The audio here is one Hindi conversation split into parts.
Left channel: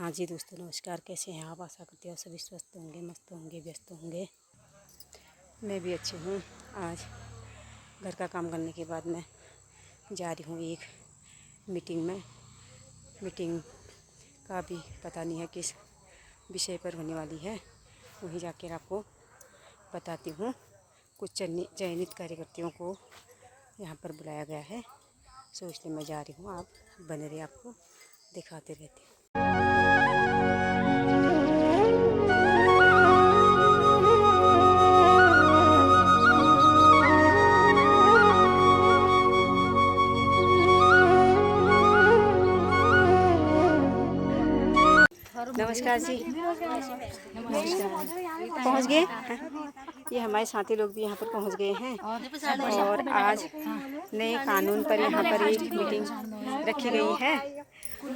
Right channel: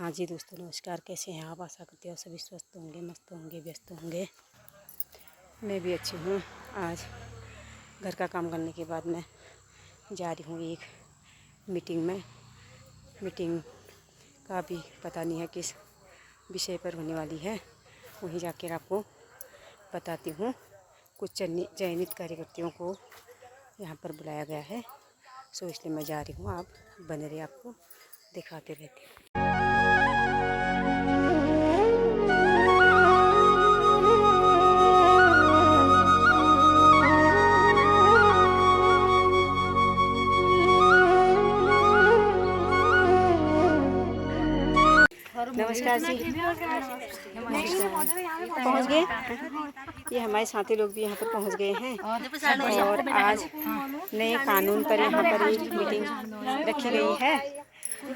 हाँ जी दोस्तों, नमस्कार। कैसे हैं आप? आशा करती हूँ सभी स्वस्थ होंगे, मस्त होंगे, व्यस्त होंगे। मैं भी अच्छी हूँ। आज घर का काम करने के बाद मैं जा रही हूँ एक मीटिंग में। मीटिंग का भी पता नहीं है किस विषय पर होने वाली है, वहीं जाकर आपको बताती हूँ। कुछ चयनित कार्यकर्ताओं को यहाँ पर बुलाया गया है, सो इसलिए मैं जा रही हूँ। आप बने रहिए, आपको दिखाते रहती हूँ। नमस्कार जी। पहुँच गए। ये हमारे साथी लोग भी यहाँ पर पहुँच गए हैं और आज नए कानून पर यहाँ पर एक मीटिंग रखी गई है,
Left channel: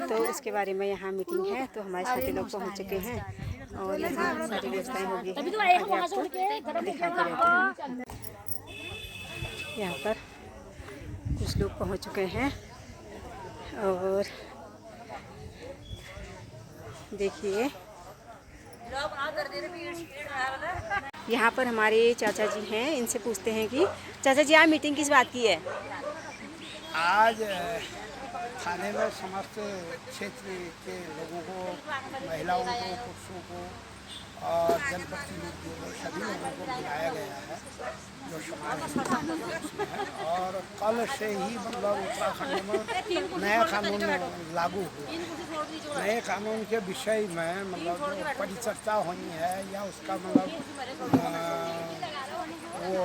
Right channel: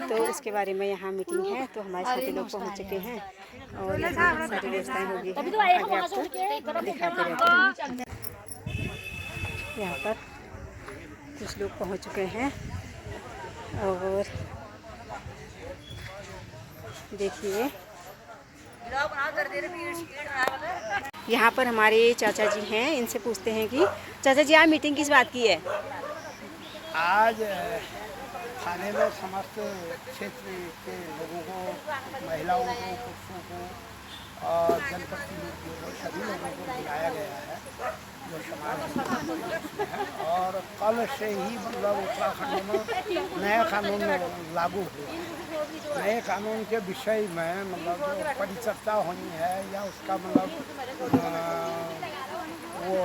तो उसके बारे में यहाँ मीटिंग है। तो हमारे साथी लोग पहुँच चुके हैं और यहाँ सारी व्यवस्थाएं हो गई हैं। आगे आपको दिखाते रहते हैं। यहाँ पर कुछ लोग पहुँच चुके हैं और देखिए यहाँ पर हमारे चाचा जी हैं। इनसे पूछते हैं कि चाचा जी, आप मीटिंग किस बात की है? आज थाने में समस्त क्षेत्र के लोगों को, महिलाओं को, पुरुषों को और जनप्रतिनिधियों को, सभी लोगों को बुलाया गया है जो समाज में है। और कल से ही मतलब उत्तराखंड में नया कानून लागू हुआ है। नए कानून के विषय में मतलब जो परिचर्चा हुई है या उसका मतलब वो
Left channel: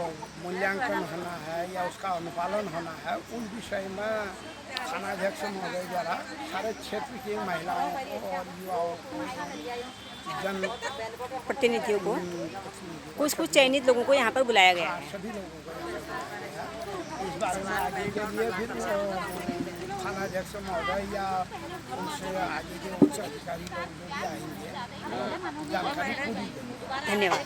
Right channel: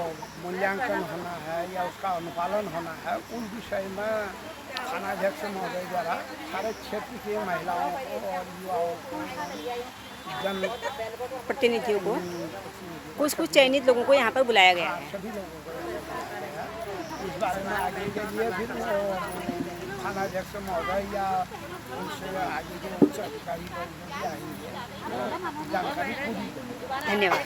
मूल्यांकन होना है या उसका अनुपालन होना है, उन विषय में थानाध्यक्ष महोदय द्वारा सारे क्षेत्र की महिलाओं को और युवाओं को, जन प्रतिनिधियों को, कुछ चयनित लोगों को यहाँ पर बुलाया गया है। सभी लोगों को यहाँ पर बुलाया गया। इस बारे में आगे के लिए फिर वो थानाध्यक्ष महोदय या उनसे आगे के उच्च अधिकारी लोग जो भी आएंगे वो जानकारी पूरी देंगे। धन्यवाद।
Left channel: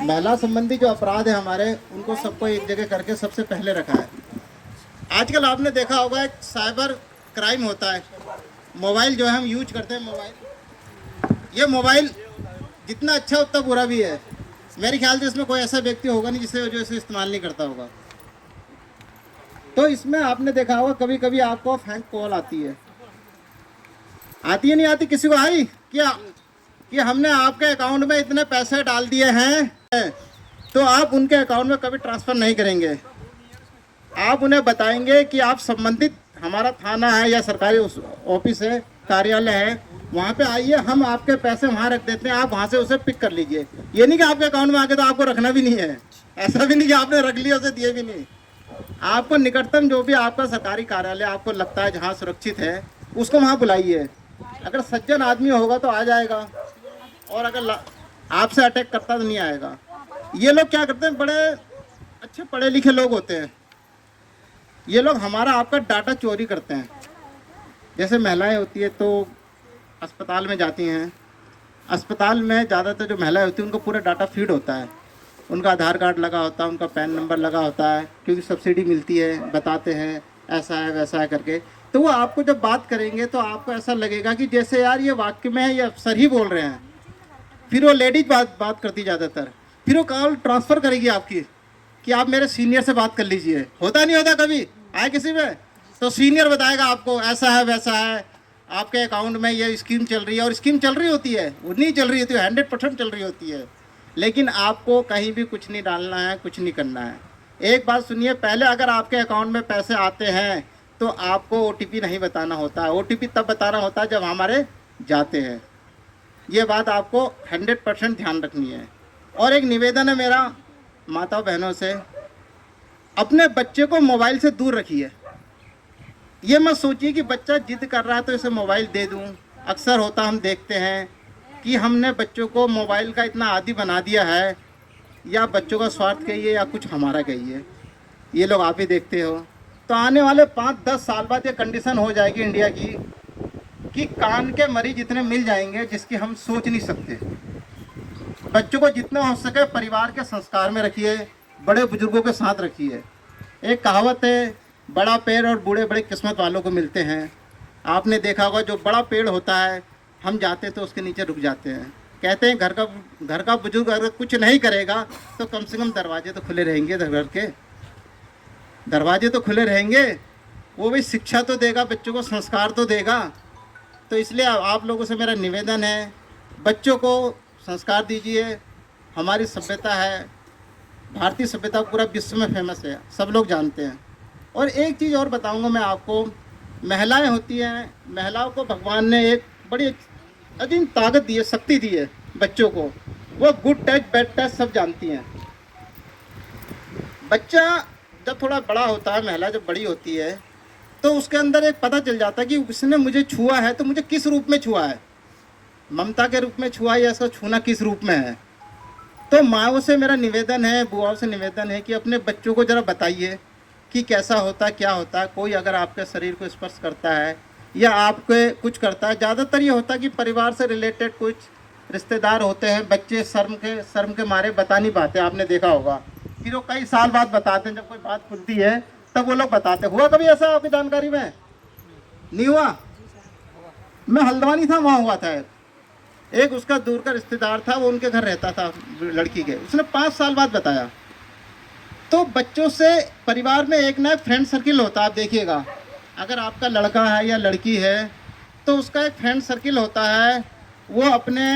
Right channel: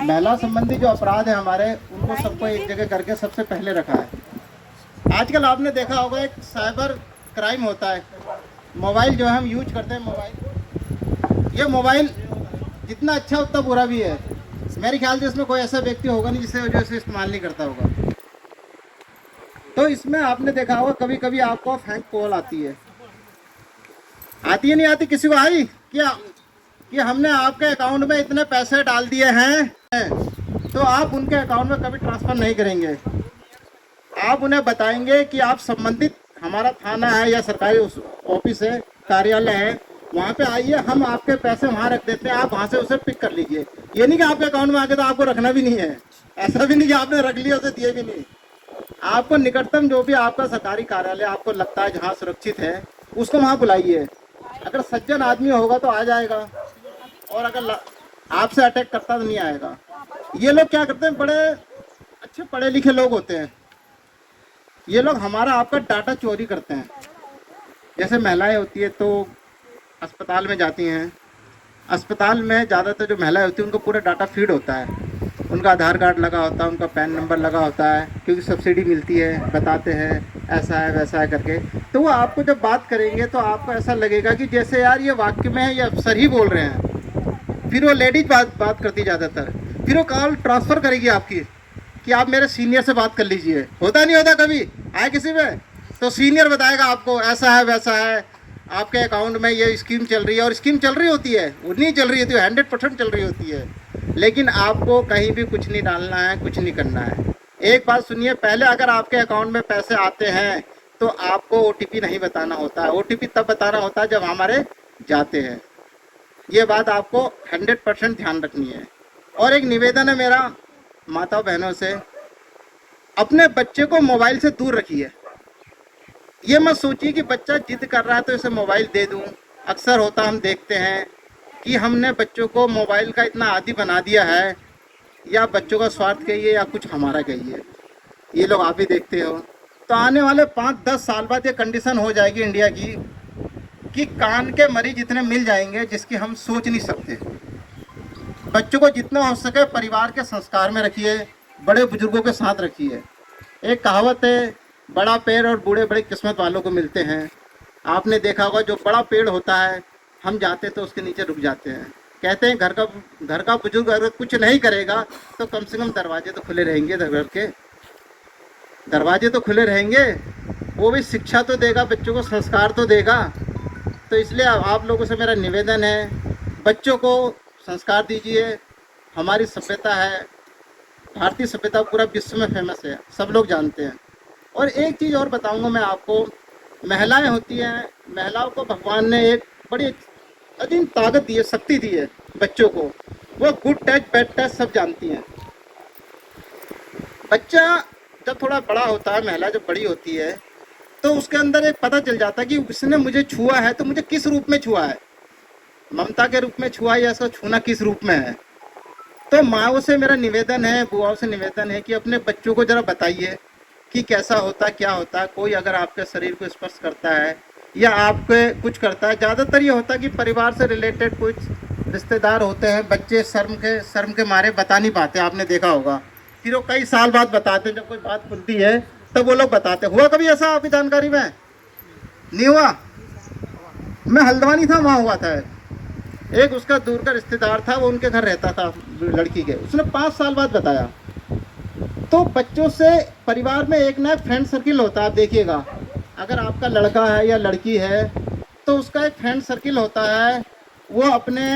महिला संबंधी जो अपराध है हमारे, उनको सबको एक जगह करके सबसे पहले रखा है। आजकल आपने देखा होगा एक साइबर क्राइम होता है। मोबाइल जो है हम यूज करते हैं, ये मोबाइल जितना अच्छा उतना बुरा भी है। मेरे ख्याल से इसमें कोई ऐसा व्यक्ति होगा नहीं जिससे वजह से इस्तेमाल नहीं करता होगा। तो इसमें आपने देखा होगा कभी कभी आपको फेक कॉल आती है नहीं आती? किसी को आई क्या कि हमने आपके अकाउंट में इतने पैसे डाल दिए हैं, तो आप उनके अकाउंट में कभी ट्रांसफ़र नहीं करेंगे। आप उन्हें बताएंगे कि आप संबंधित हमारा थाना है या सरकारी ऑफिस है, कार्यालय है, वहाँ पे आइए, हम आपके पैसे वहाँ रख देते हैं, आप वहाँ से उसे पिक कर लीजिए। ये नहीं कि आपके अकाउंट में आके तो आपको रखना भी नहीं है, ऐसा भी नहीं कि आपने रख लिया उसे दिए भी नहीं। आपको निकटतम जो भी आपका सरकारी कार्यालय आपको लगता है जहाँ सुरक्षित है, उसको वहाँ बुलाइए। अगर सज्जन आदमी होगा तो आ जाएगा, और अगर आपसे अटैक करता तो नहीं आएगा। ये लोग क्या करते हैं, बड़े अच्छे पढ़े लिखे लोग होते हैं। ये लोग हमारा आपका डाटा चोरी करते हैं। जैसे महिलाएं होती है तो अस्पताल में जाती हैं, अस्पताल में ज़्यादातर जो महिलाएं होती हैं उनको पूरा डाटा फीड होता है। उनका आधार कार्ड लगा होता है, उनका पैन नंबर लगा होता है, क्योंकि सब्सिडी मिलती है, बताते हैं ऐसा है वैसा है करके। तो वो आपको जब बात करेंगे तो आपको ऐसा लगेगा कि जैसे यार ये वाक्य में है, ये अफसर ही बोल रहे हैं। फिर वो लेडीज बात करती ज़्यादातर, फिर वो कॉल ट्रांसफ़र करेगी आपकी कि आप मेरे सीनियर से बात कर लीजिए। होता नहीं होता कभी आए किसी में, तो सीनियर बताएगा आपको ऐसा है वैसा है, आपके अकाउंट में ये स्कीम चल रही है। और स्कीम चल रही होती है, वो नहीं चल रही होती है, 100% चल रही होती है। लेकिन आपको कहीं भी कुछ नहीं डालना है, कुछ नहीं करना है। एक बात सुनिए, पहले अगर आपके अकाउंट में पैसे आते हैं तो आपको OTP नहीं बताना होता है। OTP तब बताना होता है जब हमारे जाते हैं। ये बात आपको 100% ध्यान रखनी है। और एक निवेदन है मेरा माता बहनों से, अपने बच्चे को मोबाइल से दूर रखिए। ये मत सोचिए कि बच्चा जिद कर रहा है तो इसे मोबाइल दे दूं। अक्सर होता हम देखते हैं कि हमने बच्चों को मोबाइल का इतना आदी बना दिया है, या बच्चों का स्वार्थ कहिए या कुछ हमारा कहिए, ये लोग आप ही देखते हो। तो आने वाले 5-10 साल बाद ये कंडीशन हो जाएगी इंडिया की कि कान के मरीज इतने मिल जाएंगे जिसकी हम सोच नहीं सकते। बच्चों को जितना हो सके परिवार के संस्कार में रखिए, बड़े बुजुर्गों के साथ रखिए। एक कहावत है, बड़ा पैर और बूढ़े बड़े किस्मत वालों को मिलते हैं। आपने देखा होगा जो बड़ा पेड़ होता है, हम जाते तो उसके नीचे रुक जाते हैं। कहते हैं घर का बुजुर्ग अगर कुछ नहीं करेगा तो कम से कम दरवाजे तो खुले रहेंगे, घर के दरवाजे तो खुले रहेंगे। वो भी शिक्षा तो देगा, बच्चों को संस्कार तो देगा। तो इसलिए आप लोगों से मेरा निवेदन है, बच्चों को संस्कार दीजिए। हमारी सभ्यता है, भारतीय सभ्यता पूरा विश्व में फेमस है, सब लोग जानते हैं। और एक चीज़ और बताऊंगा मैं आपको, महिलाएं होती हैं, महिलाओं को भगवान ने एक बड़ी अजीब ताकत दी है, शक्ति दी है बच्चों को। वो गुड टच बैड टच सब जानती हैं। बच्चा जब थोड़ा बड़ा होता है, महिला जब बड़ी होती है, तो उसके अंदर एक पता चल जाता है कि उसने मुझे छुआ है तो मुझे किस रूप में छुआ है, ममता के रूप में छुआ या इसका छूना किस रूप में है। तो माँओं से मेरा निवेदन है, बुआओं से निवेदन है कि अपने बच्चों को ज़रा बताइए कि कैसा होता, क्या होता। कोई अगर आपके शरीर को स्पर्श करता है या आपके कुछ करता है, ज़्यादातर ये होता है कि परिवार से रिलेटेड कुछ रिश्तेदार होते हैं, बच्चे शर्म के मारे बता नहीं पाते। आपने देखा होगा फिर वो कई साल बाद बताते हैं, जब कोई बात खुलती है तब वो लोग बताते। हुआ कभी ऐसा आपकी जानकारी में? नहीं हुआ? मैं हल्द्वानी था, वहाँ हुआ था। एक उसका दूर का रिश्तेदार था, वो उनके घर रहता था लड़की के, उसने 5 साल बाद बताया। तो बच्चों से परिवार में एक ना एक फ्रेंड सर्किल होता है। आप देखिएगा, अगर आपका लड़का है या लड़की है तो उसका एक फ्रेंड सर्किल होता है। वो अपने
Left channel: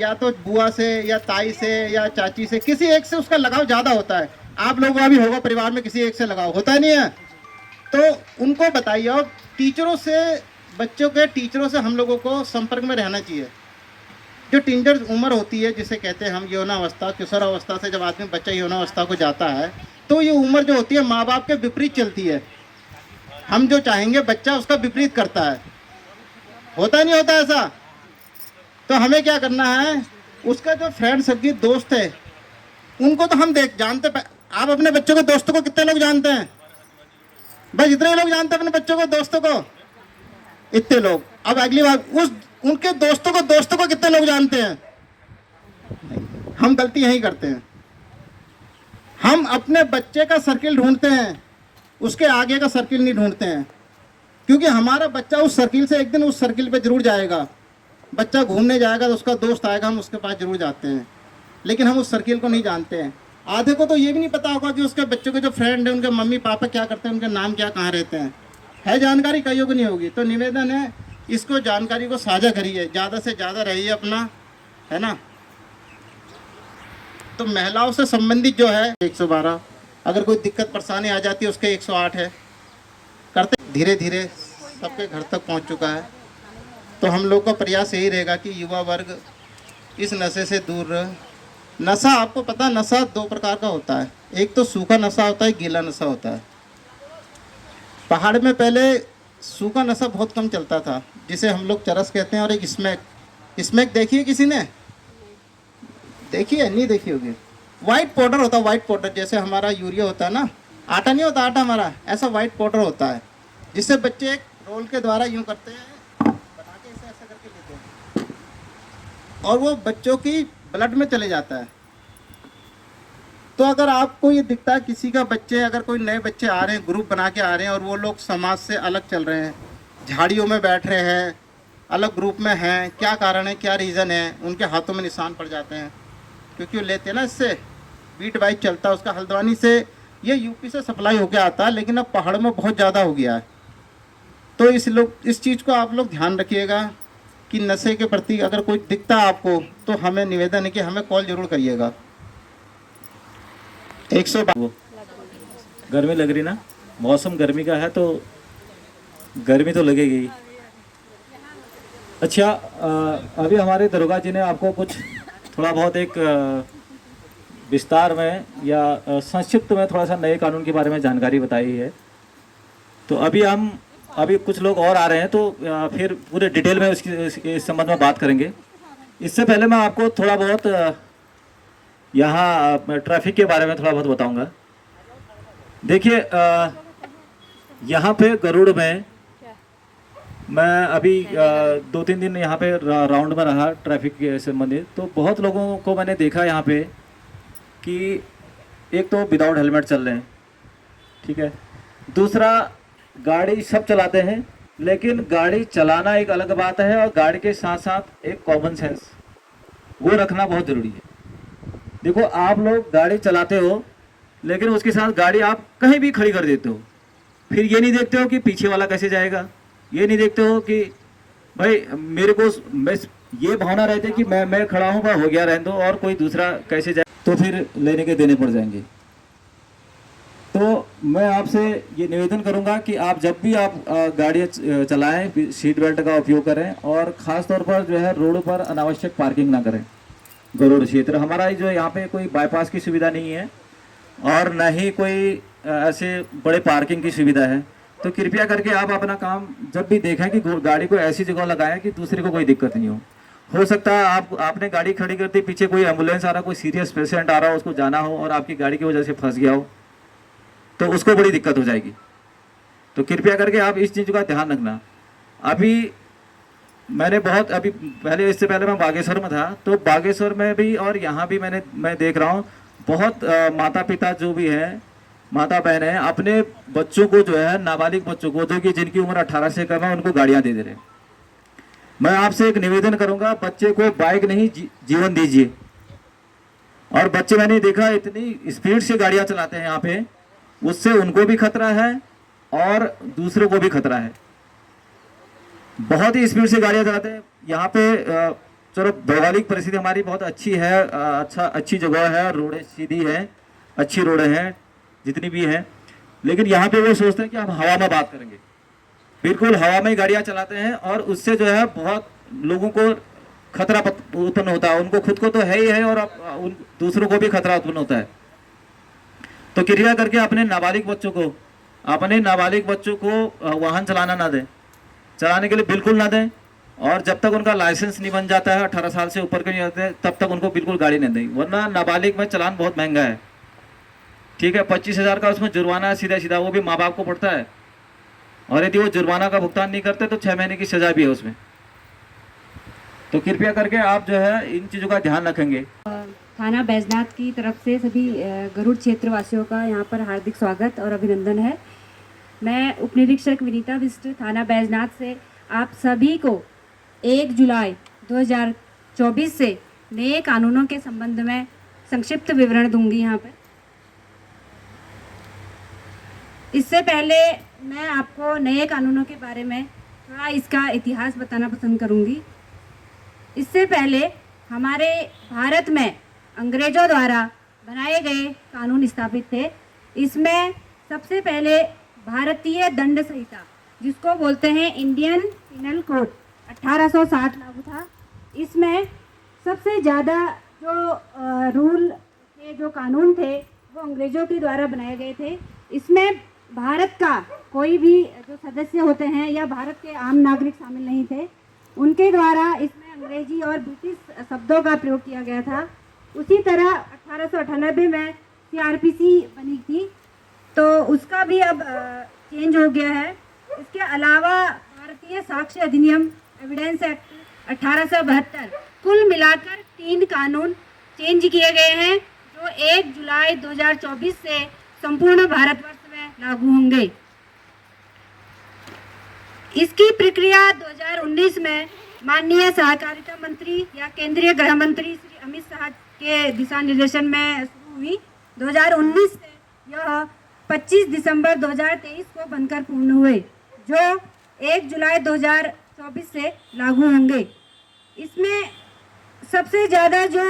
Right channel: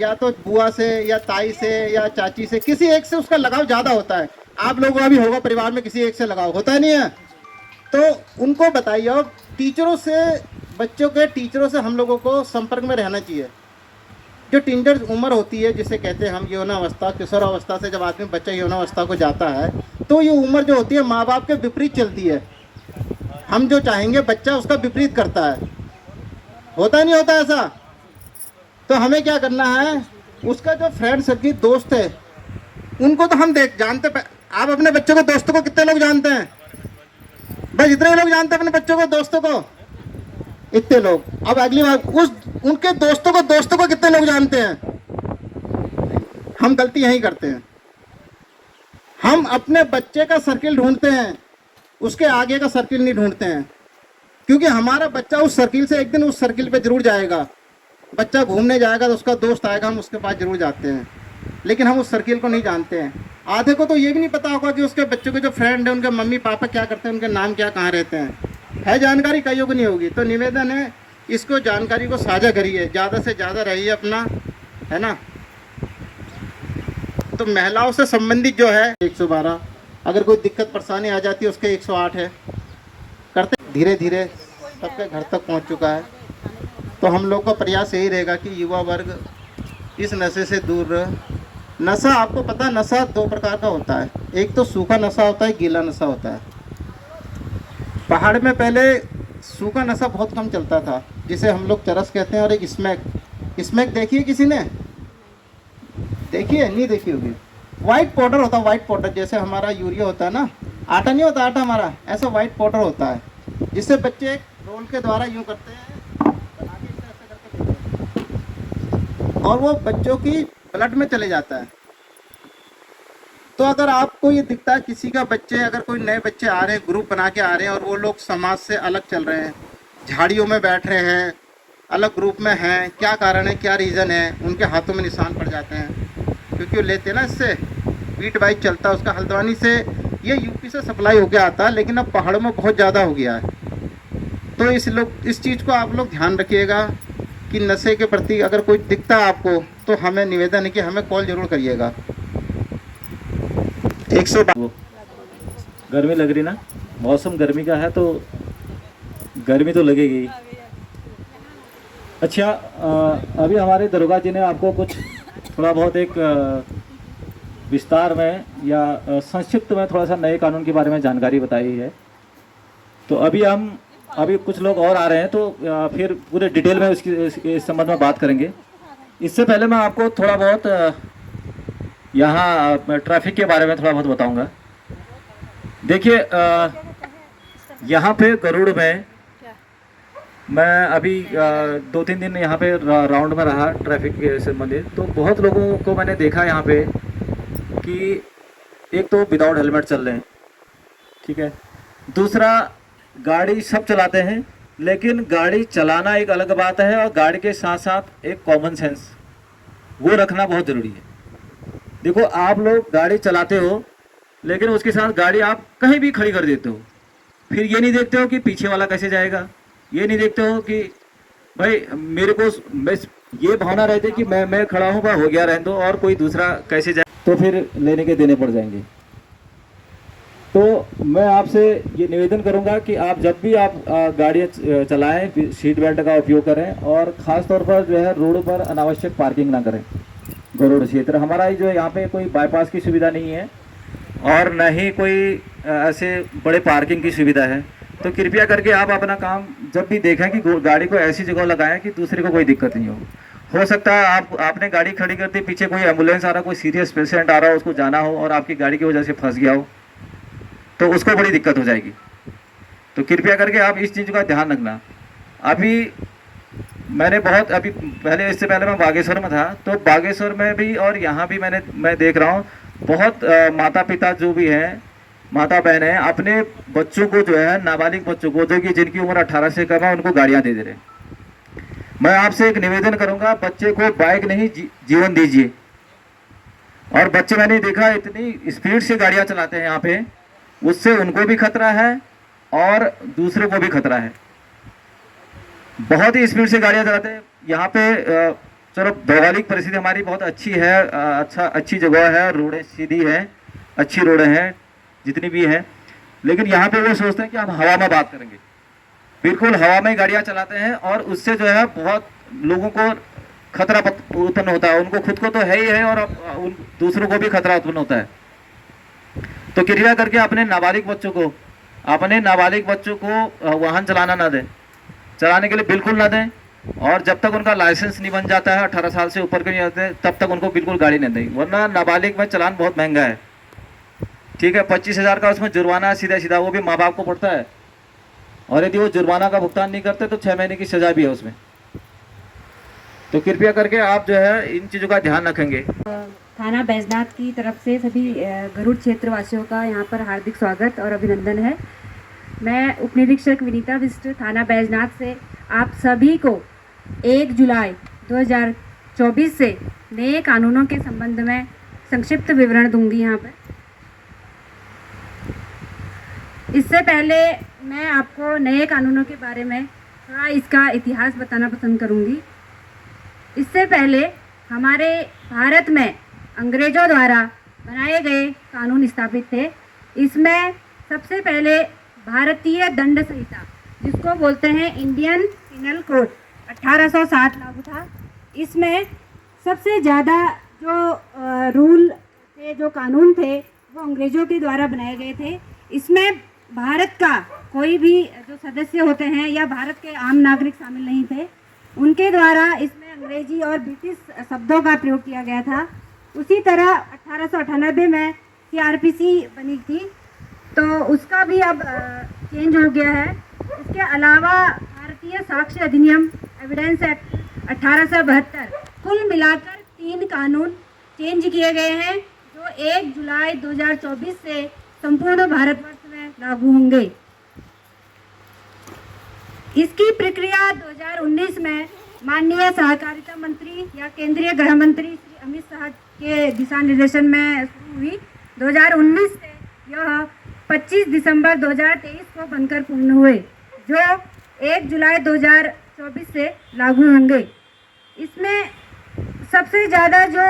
या तो बुआ से या ताई से या चाची से किसी एक से उसका लगाव ज़्यादा होता है। आप लोगों का भी होगा परिवार में किसी एक से लगाव होता नहीं है? तो उनको बताइए। और टीचरों से, बच्चों के टीचरों से हम लोगों को संपर्क में रहना चाहिए। जो टीनेजर उम्र होती है जिसे कहते हैं हम यौनावस्था, किशोरावस्था से जब आदमी बच्चा यौनावस्था को जाता है तो ये उम्र जो होती है माँ बाप के विपरीत चलती है। हम जो चाहेंगे बच्चा उसका विपरीत करता है। होता नहीं होता ऐसा? तो हमें क्या करना है, उसका जो फ्रेंड सर्किल दोस्त है उनको तो हम जानते। आप अपने बच्चों को, दोस्तों को कितने लोग जानते हैं? बस इतने लोग जानते हैं अपने बच्चों को, दोस्तों को, इतने लोग। अब अगली बार उनके दोस्तों को कितने लोग जानते हैं? हम गलती यही करते हैं। हम अपने बच्चे का सर्किल ढूंढते हैं, उसके आगे का सर्किल नहीं ढूंढते हैं। क्योंकि हमारा बच्चा उस सर्किल से एक दिन उस सर्किल पे जरूर जाएगा। बच्चा घूमने जाएगा तो उसका दोस्त आएगा, हम उसके पास जरूर जाते हैं, लेकिन हम उस सर्किल को नहीं जानते हैं। आधे को तो ये भी नहीं पता होगा कि उसके बच्चों के जो फ्रेंड हैं उनके मम्मी पापा क्या करते हैं, उनके नाम क्या, कहाँ रहते हैं। है जानकारी, कईयों को नहीं होगी। तो निवेदन है, इसको जानकारी को साझा करिए, ज़्यादा से ज़्यादा रहिए अपना, है ना। तो महिलाओं से संबंधित जो है 112, अगर कोई दिक्कत परेशानी आ जाती है उसके 108 है। करते धीरे धीरे सबके घर तक पहुंच चुका है। तो हम लोग का प्रयास यही रहेगा कि युवा वर्ग इस नशे से दूर रहे। नशा, आपको पता है नशा 2 प्रकार का होता है। एक तो सूखा नशा होता है, गीला नशा होता है। पहाड़ में पहले सूखा नशा बहुत कम चलता था, जिसे हम लोग चरस कहते हैं। और एक स्मैक देखिए, किसी ने देखिए? नहीं देखी होगी। वाइट पाउडर होता है, वाइट पाउडर, जैसे हमारा यूरिया होता है ना, आटा नहीं होता आटा हमारा, ऐसा वाइट पाउडर होता है, जिससे बच्चे एक रोल के द्वारा यूं करते हैं, बना के ऐसे करके देते हैं, और वो बच्चों की ब्लड में चले जाता है। तो अगर आपको ये दिखता है किसी का बच्चे, अगर कोई नए बच्चे आ रहे हैं, ग्रुप बना के आ रहे हैं, और वो लोग समाज से अलग चल रहे हैं, झाड़ियों में बैठ रहे हैं, अलग ग्रुप में हैं, क्या कारण है, क्या रीज़न है, उनके हाथों में निशान पड़ जाते हैं। क्योंकि वो लेते हैं ना, इससे बीट बाइक चलता है उसका। हल्द्वानी से, ये यूपी से सप्लाई होके आता है, लेकिन अब पहाड़ों में बहुत ज़्यादा हो गया है। तो इस चीज़ को आप लोग ध्यान रखिएगा कि नशे के प्रति अगर कोई दिखता है आपको, तो हमें निवेदन है कि हमें कॉल जरूर करिएगा। 112। गर्मी लग रही ना, मौसम गर्मी का है तो गर्मी तो लगेगी। अच्छा, अभी हमारे दरोगा जी ने आपको कुछ थोड़ा बहुत एक विस्तार में या संक्षिप्त में थोड़ा सा नए कानून के बारे में जानकारी बताई है। तो अभी कुछ लोग और आ रहे हैं, तो फिर पूरे डिटेल में इस संबंध में बात करेंगे। इससे पहले मैं आपको थोड़ा बहुत यहाँ ट्रैफिक के बारे में थोड़ा बहुत बताऊंगा। देखिए, यहाँ पे गरुड़ में मैं अभी 2-3 दिन यहाँ पे राउंड में रहा ट्रैफिक के संबंधित। तो बहुत लोगों को मैंने देखा यहाँ पे कि एक तो विदाउट हेलमेट चल रहे हैं, ठीक है। दूसरा, गाड़ी सब चलाते हैं लेकिन गाड़ी चलाना एक अलग बात है और गाड़ी के साथ साथ एक कॉमन सेंस वो रखना बहुत ज़रूरी है। देखो आप लोग गाड़ी चलाते हो लेकिन उसके साथ गाड़ी आप कहीं भी खड़ी कर देते हो, फिर ये नहीं देखते हो कि पीछे वाला कैसे जाएगा, ये नहीं देखते हो कि भाई मेरे को ये भावना रहती है कि मैं खड़ा हूँ, हो गया रहने दो और कोई दूसरा कैसे जाए, तो फिर लेने के देने पड़ जाएंगे। तो मैं आपसे ये निवेदन करूंगा कि आप जब भी आप गाड़ी चलाएं सीट बेल्ट का उपयोग करें और ख़ास तौर पर जो है रोड पर अनावश्यक पार्किंग ना करें। गरुड़ क्षेत्र हमारा जो यहाँ पे कोई बाईपास की सुविधा नहीं है और न ही कोई ऐसे बड़े पार्किंग की सुविधा है, तो कृपया करके आप अपना काम जब भी देखें कि गाड़ी को ऐसी जगह लगाएं कि दूसरे को कोई दिक्कत नहीं हो सकता है आपने गाड़ी खड़ी कर दी, पीछे कोई एम्बुलेंस आ रहा, कोई सीरियस पेशेंट आ रहा हो, उसको जाना हो और आपकी गाड़ी की वजह से फंस गया हो तो उसको बड़ी दिक्कत हो जाएगी। तो कृपया करके आप इस चीज़ का ध्यान रखना। अभी मैंने अभी पहले इससे पहले मैं बागेश्वर में था, तो बागेश्वर में भी और यहाँ भी मैं देख रहा हूँ बहुत माता पिता जो भी हैं, माता बहन हैं, अपने बच्चों को जो है नाबालिग बच्चों को जो कि जिनकी उम्र 18 से कम है उनको गाड़ियाँ दे रहे हैं। मैं आपसे एक निवेदन करूँगा, बच्चे को बाइक नहीं जीवन दीजिए। और बच्चे मैंने देखा इतनी स्पीड से गाड़ियाँ चलाते हैं यहाँ पे, उससे उनको भी खतरा है और दूसरों को भी खतरा है। बहुत ही स्पीड से गाड़ियाँ चलाते हैं यहाँ पे। चलो भौगोलिक परिस्थिति हमारी बहुत अच्छी है, अच्छी जगह है, रोडें सीधी हैं, अच्छी रोडें हैं जितनी भी हैं, लेकिन यहाँ पे वो सोचते हैं कि हम हवा में बात करेंगे। बिल्कुल हवा में गाड़ियाँ चलाते हैं और उससे जो है बहुत लोगों को खतरा उत्पन्न होता है। उनको खुद को तो है ही है और दूसरों को भी खतरा उत्पन्न होता है। तो कृपया करके अपने नाबालिग बच्चों को वाहन चलाना ना दें, चलाने के लिए बिल्कुल ना दें। और जब तक उनका लाइसेंस नहीं बन जाता है, 18 साल से ऊपर के नहीं होते, तब तक उनको बिल्कुल गाड़ी नहीं दें, वरना नाबालिग में चलान बहुत महंगा है। ठीक है, 25,000 का उसमें जुर्माना सीधा वो भी माँ बाप को पड़ता है, और यदि वो जुर्माना का भुगतान नहीं करते तो 6 महीने की सजा भी है उसमें। तो कृपया करके आप जो है इन चीज़ों का ध्यान रखेंगे। थाना बैजनाथ की तरफ से सभी गरुड़ क्षेत्र वासियों का यहाँ पर हार्दिक स्वागत और अभिनंदन है। मैं उप निरीक्षक विनीता बिष्ट थाना बैजनाथ से आप सभी को 1 जुलाई 2024 से नए कानूनों के संबंध में संक्षिप्त विवरण दूंगी यहाँ पर। इससे पहले मैं आपको नए कानूनों के बारे में थोड़ा इसका इतिहास बताना पसंद करूंगी। इससे पहले हमारे भारत में अंग्रेज़ों द्वारा बनाए गए कानून स्थापित थे। इसमें सबसे पहले भारतीय दंड संहिता, जिसको बोलते हैं इंडियन पिनल कोड, 1860 लागू था। इसमें सबसे ज़्यादा जो रूल थे, जो कानून थे, वो अंग्रेज़ों के द्वारा बनाए गए थे। इसमें भारत का कोई भी जो सदस्य होते हैं या भारत के आम नागरिक शामिल नहीं थे, उनके द्वारा इसमें अंग्रेजी और ब्रिटिश शब्दों का प्रयोग किया गया था। उसी तरह 1898 में CRPC बनी थी, तो उसका भी अब चेंज हो गया है। इसके अलावा भारतीय साक्ष्य अधिनियम एविडेंस एक्ट 1872, कुल मिलाकर 3 कानून चेंज किए गए हैं, जो 1 जुलाई 2024 से संपूर्ण भारतवर्ष में लागू होंगे। इसकी प्रक्रिया 2019 में माननीय सहकारिता मंत्री या केंद्रीय गृह मंत्री श्री अमित शाह के दिशा निर्देशन में शुरू हुई। 2019 से यह 25 दिसंबर 2023 को बनकर पूर्ण हुए, जो 1 जुलाई 2024 से लागू होंगे। इसमें सबसे ज़्यादा जो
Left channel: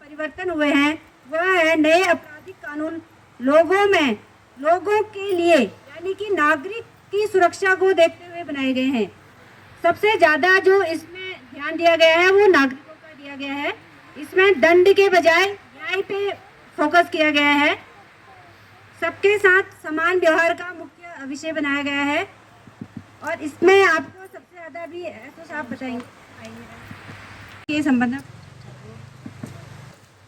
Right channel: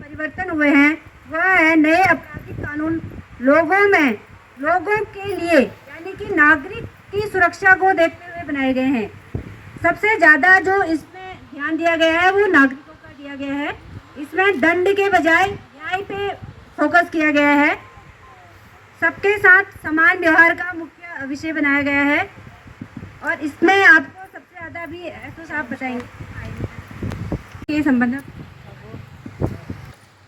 परिवर्तन हुए हैं वह है नए आपराधिक कानून लोगों के लिए, यानी कि नागरिक की सुरक्षा को देखते हुए बनाए गए हैं। सबसे ज़्यादा जो इसमें ध्यान दिया गया है वो नागरिकों का दिया गया है। इसमें दंड के बजाय न्याय पे फोकस किया गया है। सबके साथ समान व्यवहार का मुख्य विषय बनाया गया है। और इसमें आपको सबसे ज़्यादा भी तो आप बताएंगे ये संबंध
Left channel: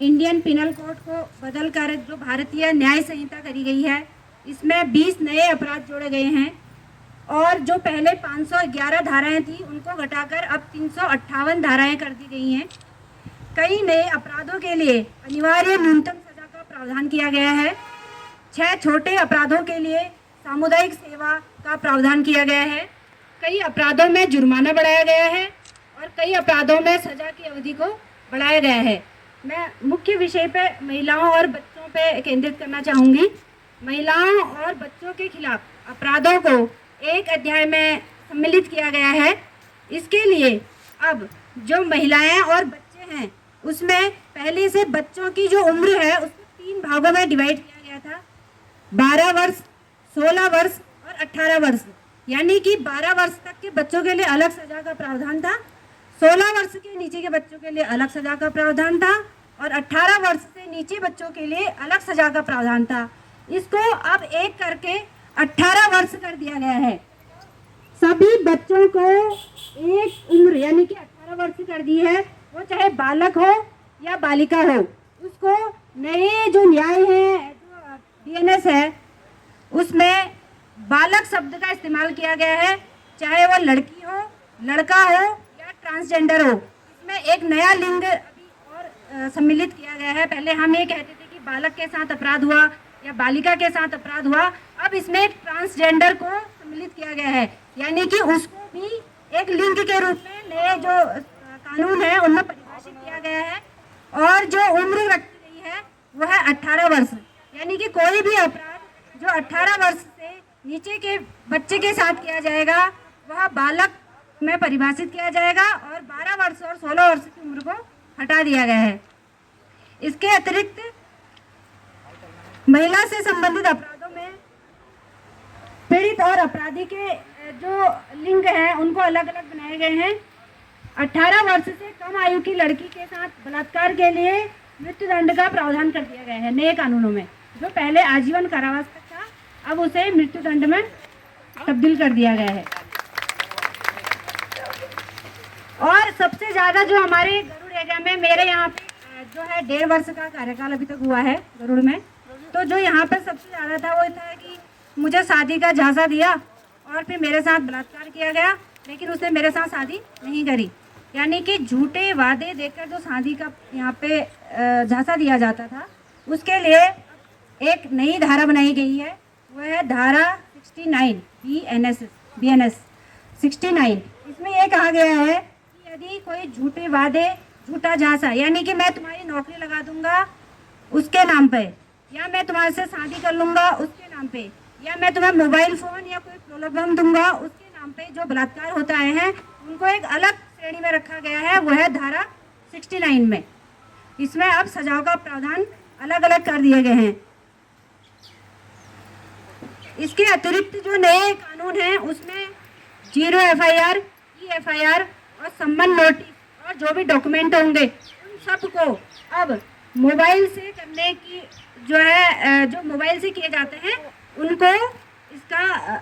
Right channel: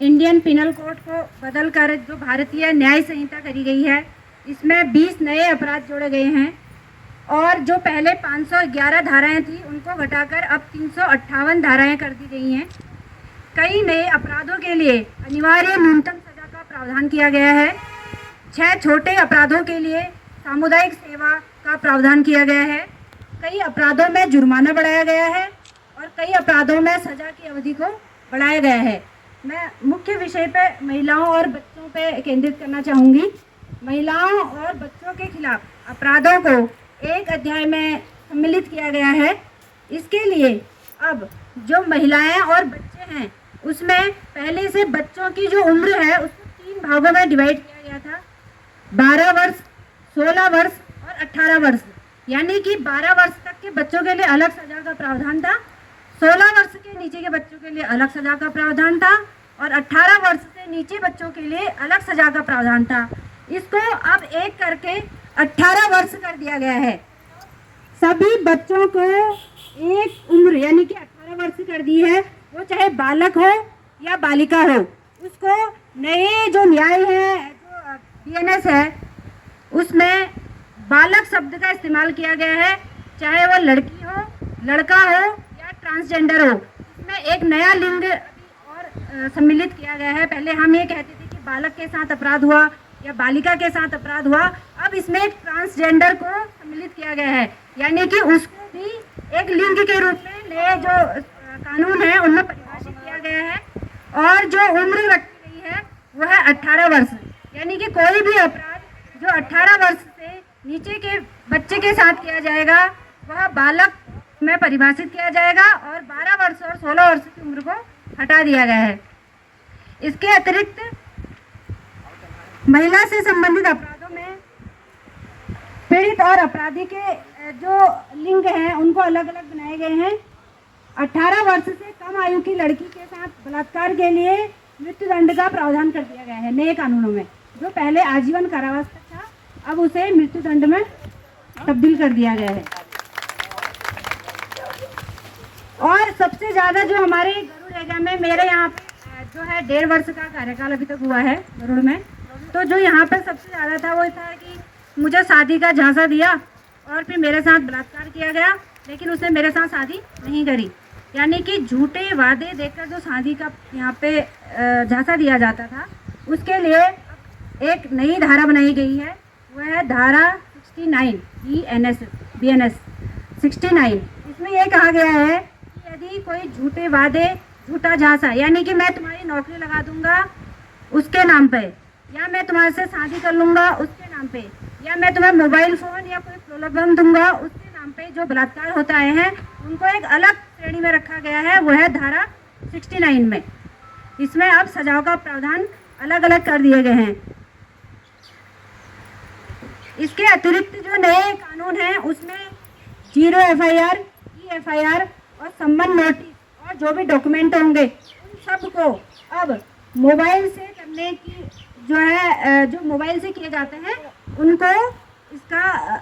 इंडियन पिनल कोड को बदलकर जो भारतीय न्याय संहिता करी गई है, इसमें 20 नए अपराध जोड़े गए हैं और जो पहले 511 धाराएं थी उनको घटाकर अब 358 धाराएं कर दी गई हैं। कई नए अपराधों के लिए अनिवार्य न्यूनतम सजा का प्रावधान किया गया है। 6 छोटे अपराधों के लिए सामुदायिक सेवा का प्रावधान किया गया है। कई अपराधों में जुर्माना बढ़ाया गया है और कई अपराधों में सजा की अवधि को बढ़ाया गया है। मैं मुख्य विषय पे महिलाओं और बच्चों पे केंद्रित करना चाहूँगी। महिलाओं और बच्चों के खिलाफ अपराधों को एक अध्याय में सम्मिलित किया गया है। इसके लिए अब जो महिलाएं और बच्चे हैं उसमें पहले से बच्चों की जो उम्र है उसको 3 भागों में डिवाइड किया गया था, 12 वर्ष, 16 वर्ष और 18 वर्ष। यानी कि 12 वर्ष तक के बच्चों के लिए अलग सजा का प्रावधान था, 16 वर्ष के नीचे के बच्चों के लिए अलग सजा का प्रावधान था और 18 वर्ष से नीचे बच्चों के लिए अलग सजा का प्रावधान था। इसको अब एक करके 18 वर्ष कर दिया गया है। सभी बच्चों को एक उम्र यानी कि 18 वर्ष कर दी है, वो चाहे बालक हो या बालिका हो। उसको नए जो न्याय है, जो बीएनएस है, उसमें बालक शब्द का इस्तेमाल किया गया है, चाहे वो लड़की हो, लड़का हो या ट्रांसजेंडर हो। इसमें एक नया लिंग अभी और सम्मिलित किया गया है। पहले हम ये कहते थे कि बालक के साथ अपराध हुआ या बालिका के साथ अपराध हुआ, अब इसमें ट्रांसजेंडर को सम्मिलित किया गया है, यानी कि उसको भी एक लिंग के रूप में नए जो कानून है उनमें परिभाषित किया गया है। और जो उम्र रखी गई है वो है 18 वर्ष, यानी कि कोई भी अपराध जो 18 वर्ष से नीचे के बच्चे के साथ किया जाएगा वह बालक में परिभाषित किया जाएगा और 12 वर्ष और 16 वर्ष की उम्र को हटा दिया गया है। इसके अतिरिक्त महिला से संबंधित अपराधों में पीड़ित और अपराधी के जो लिंग हैं उनको अलग अलग बनाए गए हैं। 18 वर्ष से कम आयु की लड़की के साथ बलात्कार के लिए मृत्युदंड का प्रावधान कर दिया गया है नए कानूनों में। जो पहले आजीवन कारावास तक था, अब उसे मृत्युदंड में तब्दील कर दिया गया है। और सबसे ज़्यादा जो हमारे गरुड़ एरिया में, मेरे यहाँ पे जो है 1.5 वर्ष का कार्यकाल अभी तक हुआ है गरुड़ में, तो जो यहाँ पर सबसे ज़्यादा था वो था कि मुझे शादी का झांसा दिया और फिर मेरे साथ बलात्कार किया गया, लेकिन उसने मेरे साथ शादी नहीं करी। यानी कि झूठे वादे देकर जो शादी का यहाँ पे झांसा दिया जाता था, उसके लिए एक नई धारा बनाई गई है, वह है धारा 69 बीएनएस 69। इसमें यह कहा गया है कि यदि कोई झूठे वादे, झूठा झांसा, यानी कि मैं तुम्हारी नौकरी लगा दूंगा उसके नाम पे, या मैं तुम्हारे से शादी कर लूँगा उसके नाम पे, या मैं तुम्हें मोबाइल फ़ोन या कोई प्रलोभन दूंगा उसके नाम पे, जो बलात्कार होता है उनको एक अलग श्रेणी में रखा गया है, वो है धारा 69 में। इसमें अब सजाओं का प्रावधान अलग अलग कर दिए गए हैं। इसके अतिरिक्त जो नए कानून हैं उसमें 0 FIR, EFIR और सम्मन नोटिस और जो भी डॉक्यूमेंट होंगे उन सब को अब मोबाइल से करने की जो है, जो मोबाइल से किए जाते हैं उनको इसका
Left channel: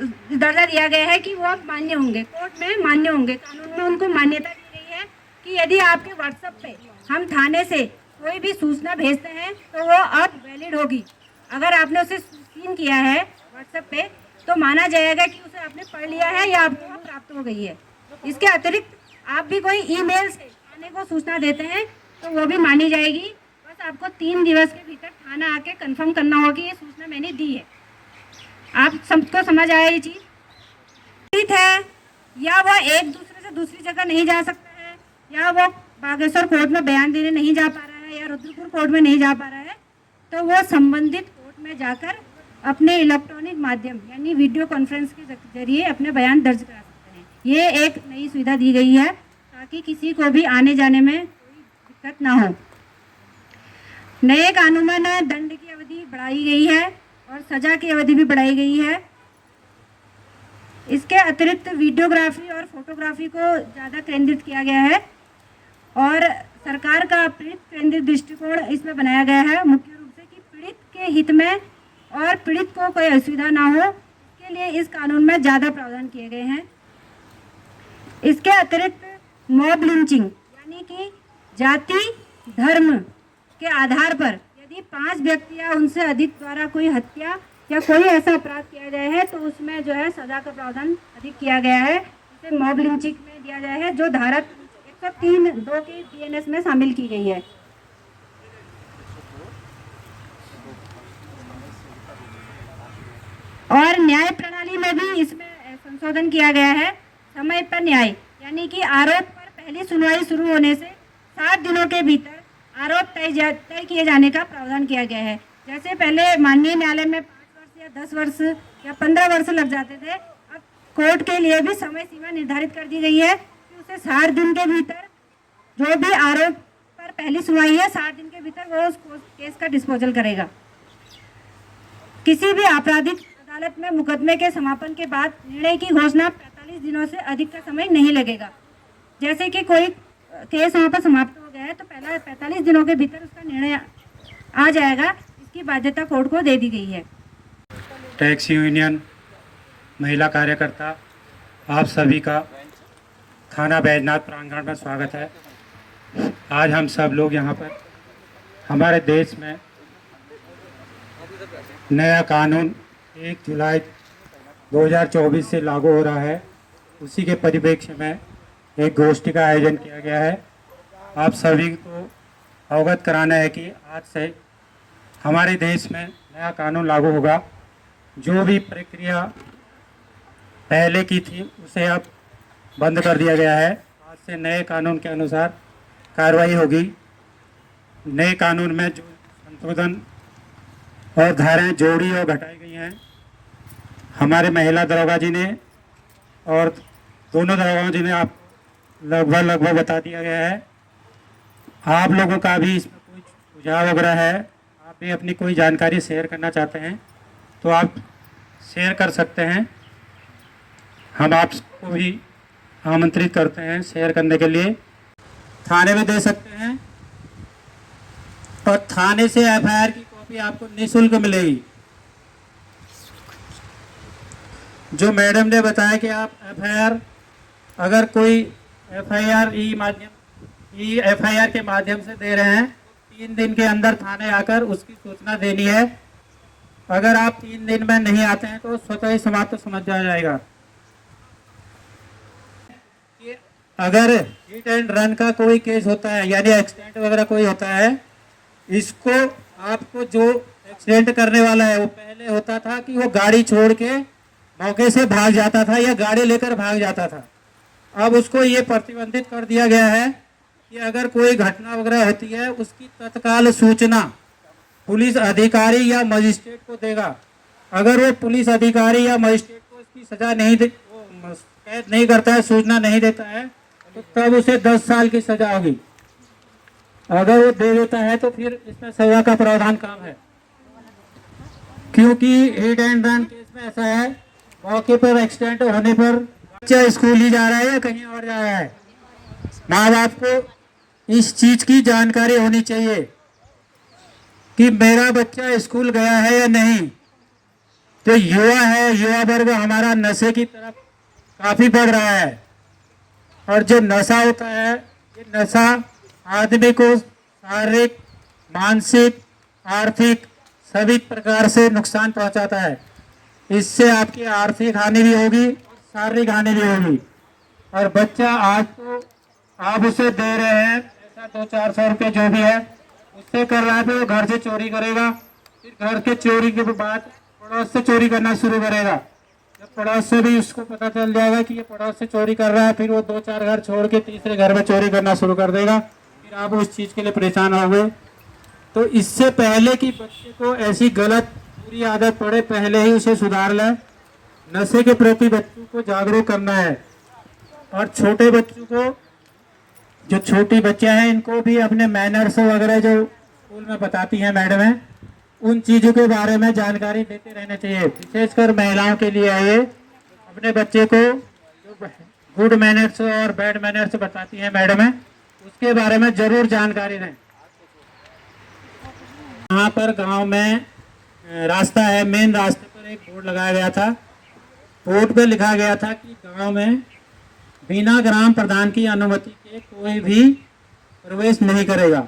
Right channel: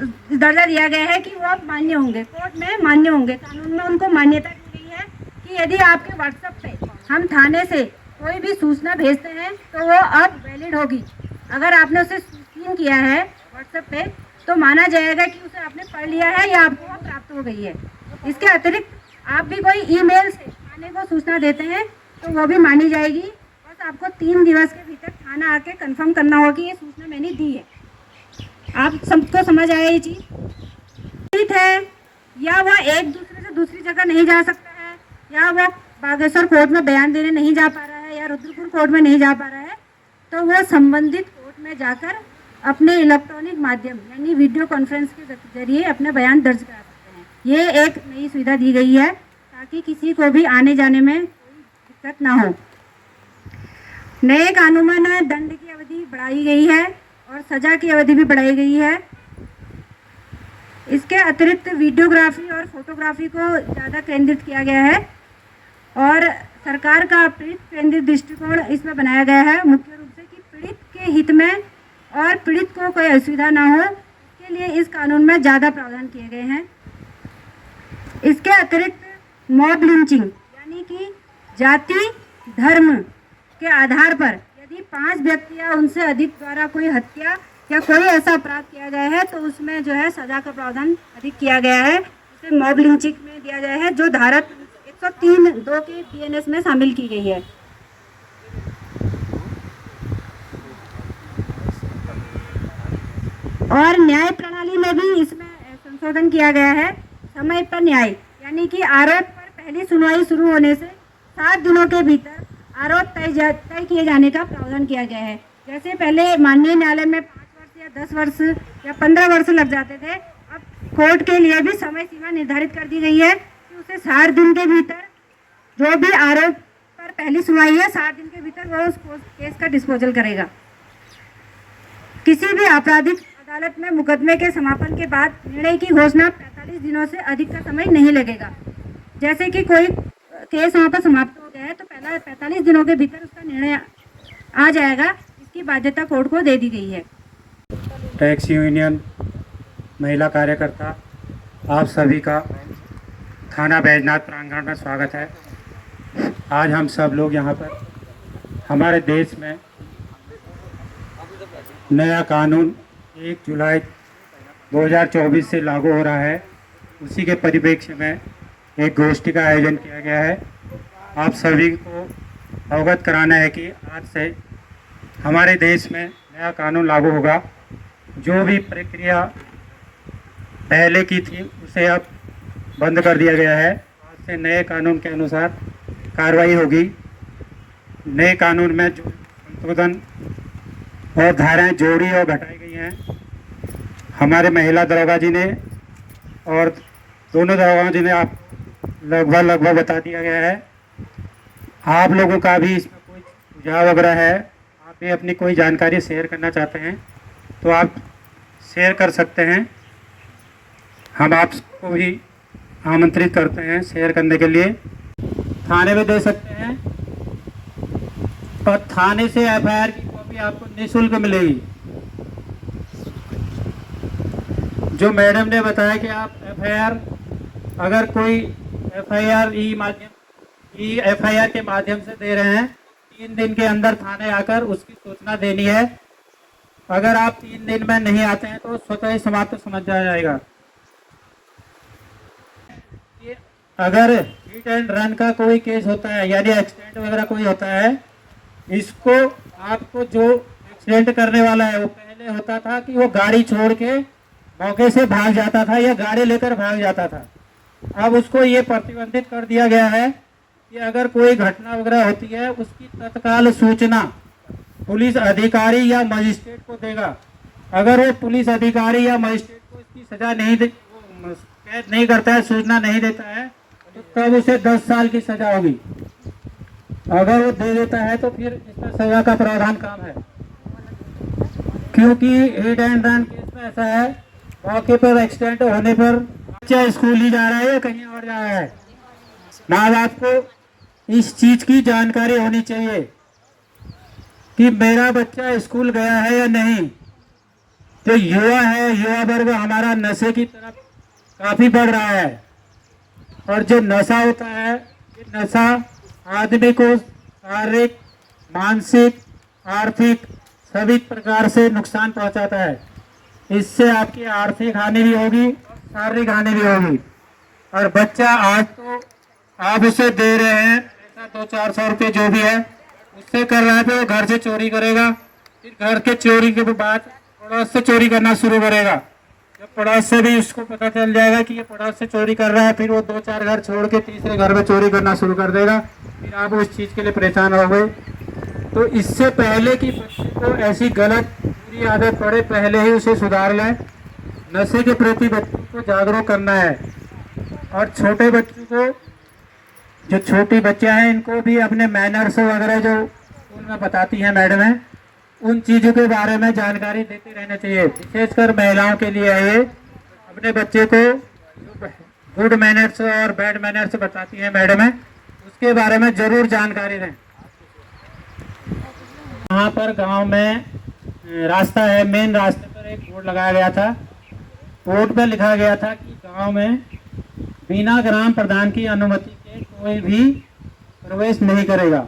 दर्जा दिया गया है कि वो अब मान्य होंगे, कोर्ट में मान्य होंगे। कानून में उनको मान्यता दी गई है कि यदि आपके व्हाट्सएप पे हम थाने से कोई भी सूचना भेजते हैं तो वो अब वैलिड होगी। अगर आपने उसे स्क्रीन किया है व्हाट्सएप पे तो माना जाएगा कि उसे आपने पढ़ लिया है या आपको प्राप्त हो गई है। इसके अतिरिक्त आप भी कोई ईमेल से थाने को सूचना देते हैं तो वो भी मानी जाएगी। बस आपको 3 दिवस के भीतर थाना आके कंफर्म करना होगा कि ये सूचना मैंने दी है। आप सबको समझ आया ये चीज़ है, या वह एक दूसरे से दूसरी जगह नहीं जा सकता है, या वह बागेश्वर कोर्ट में बयान देने नहीं जा पा रहा है, या रुद्रपुर कोर्ट में नहीं जा पा रहा है, तो वह संबंधित कोर्ट में जाकर अपने इलेक्ट्रॉनिक माध्यम यानी वीडियो कॉन्फ्रेंस के जरिए अपने बयान दर्ज करा सकते हैं। ये एक नई सुविधा दी गई है ताकि किसी को भी आने जाने में कोई दिक्कत ना हो। नए कानून में दंड की अवधि बढ़ाई गई है और सजा की अवधि भी बढ़ाई गई है। इसके अतिरिक्त वीडियोग्राफी और फोटोग्राफी को ज़्यादा केंद्रित किया गया है और सरकार का पीड़ित केंद्रित दृष्टिकोण इसमें बनाया गया है, मुख्य रूप से कि पीड़ित के हित में और पीड़ित को कोई असुविधा ना हो, इसके लिए इस कानून में ज़्यादा प्रावधान किए गए हैं। इसके अतिरिक्त मॉब लिंचिंग यानी कि जाति धर्म के आधार पर यदि 5 व्यक्ति या उनसे अधिक द्वारा कोई हत्या या कोई ऐसा अपराध किया गया है तो उसमें जो है सजा का प्रावधान अधिक किया गया है। इसे मॉब लिंचिंग में दिया गया है जो धारा 103(2) की बीएनएस में शामिल की गई है। और न्याय प्रणाली में भी इसमें संशोधन किया गया है। समय पर न्याय यानी कि आरोप पर पहली सुनवाई शुरू होने से 7 दिनों के भीतर आरोप तय किए जाने का प्रावधान किया गया है। जैसे पहले माननीय न्यायालय में 5 वर्ष या 10 वर्ष या 15 वर्ष लग जाते थे, अब कोर्ट के लिए भी समय सीमा निर्धारित कर दी गई है कि उसे 60 दिन के भीतर जो भी आरोप पर पहली सुनवाई है 60 दिन के भीतर वो उस केस का डिस्पोजल करेगा। किसी भी आपराधिक अदालत में मुकदमे के समापन के बाद निर्णय की घोषणा 45 दिनों से अधिक का समय नहीं लगेगा। जैसे कि कोई केस यहाँ पर समाप्त हो गया है तो पहला 45 दिनों के भीतर उसका निर्णय आ जाएगा। इसकी बाध्यता कोर्ट को दे दी गई है। टैक्स यूनियन महिला कार्यकर्ता आप सभी का थाना बैजनाथ प्रांगण में स्वागत है। आज हम सब लोग यहाँ पर हमारे देश में नया कानून 1 जुलाई 2024 से लागू हो रहा है, उसी के परिप्रेक्ष्य में एक गोष्ठी का आयोजन किया गया है। आप सभी को अवगत कराना है कि आज से हमारे देश में नया कानून लागू होगा। जो भी प्रक्रिया पहले की थी उसे अब बंद कर दिया गया है। आज से नए कानून के अनुसार कार्रवाई होगी। नए कानून में जो संशोधन और धाराएं जोड़ी और घटाई गई हैं, हमारे महिला दरोगा जी ने और दोनों दरोगा जी ने आप लगभग बता दिया गया है। आप लोगों का भी इसमें कोई सुझाव वगैरह है, आप भी अपनी कोई जानकारी शेयर करना चाहते हैं तो आप शेयर कर सकते हैं। हम आपको भी आमंत्रित करते हैं शेयर करने के लिए। थाने में दे सकते हैं और थाने से एफआईआर की कॉपी आपको निःशुल्क मिलेगी। जो मैडम ने बताया कि आप एफआईआर अगर कोई एफआईआर के माध्यम से दे रहे हैं 3 दिन के अंदर थाने आकर उसकी सूचना देनी है। अगर आप 3 दिन में नहीं आते हैं तो स्वतः ही समाप्त समझ जाएगा। अगर हिट एंड रन का कोई केस होता है यानी एक्सीडेंट वगैरह कोई होता है, इसको आपको जो एक्सीडेंट करने वाला है वो पहले होता था कि वो गाड़ी छोड़ के मौके से भाग जाता था या गाड़ी लेकर भाग जाता था। अब उसको ये प्रतिबंधित कर दिया गया है कि अगर कोई घटना वगैरह होती है उसकी तत्काल सूचना पुलिस अधिकारी या मजिस्ट्रेट को देगा। अगर वो पुलिस अधिकारी या मजिस्ट्रेट को इसकी सजा कैद नहीं करता है, सूचना नहीं देता है, तो तब उसे 10 साल की सजा होगी। अगर वो दे देता है तो फिर इसमें सजा का प्रावधान काम है। क्योंकि हिट एंड रन केस में ऐसा है, मौके पर एक्सीडेंट होने पर बच्चा स्कूल ही जा रहा है या कहीं और जा रहा है, माँ बाप को इस चीज की जानकारी होनी चाहिए कि मेरा बच्चा स्कूल गया है या नहीं। जो युवा है, युवा वर्ग हमारा नशे की तरफ काफी बढ़ रहा है और जो नशा होता है ये नशा आदमी को शारीरिक, मानसिक, आर्थिक सभी प्रकार से नुकसान पहुंचाता है। इससे आपकी आर्थिक हानि भी होगी, शारीरिक हानि भी होगी। और बच्चा आज तो आप उसे दे रहे हैं पैसा 200-400 रुपये जो भी है, उससे कर रहा है तो घर से चोरी करेगा। फिर घर के चोरी के बाद पड़ोस से चोरी करना शुरू करेगा। जब पड़ोस से भी उसको पता चल जाएगा कि ये पड़ोस से चोरी कर रहा है, फिर वो 2-4 घर छोड़ के तीसरे घर में चोरी करना शुरू कर देगा। फिर आप उस चीज़ के लिए परेशान हो गए। तो इससे पहले कि बच्चे को ऐसी गलत बुरी आदत पड़े, पहले ही उसे सुधार लें। नशे के प्रति बच्चों को जागरूक करना है और छोटे बच्चों को, जो छोटी बच्चे हैं, इनको भी अपने मैनर्स वगैरह जो स्कूल में बताती हैं मैडम है, उन चीज़ों के बारे में जानकारी देते रहना चाहिए। विशेषकर महिलाओं के लिए है ये, अपने बच्चे को गुड मैनर्स और बैड मैनर्स बताती हैं मैडम है, उसके बारे में ज़रूर जानकारी दें। वहाँ पर गांव में रास्ता है, मेन रास्ते पर एक बोर्ड लगाया गया था। बोर्ड पर लिखा गया था कि गांव में बिना ग्राम प्रधान की अनुमति के कोई भी प्रवेश नहीं करेगा।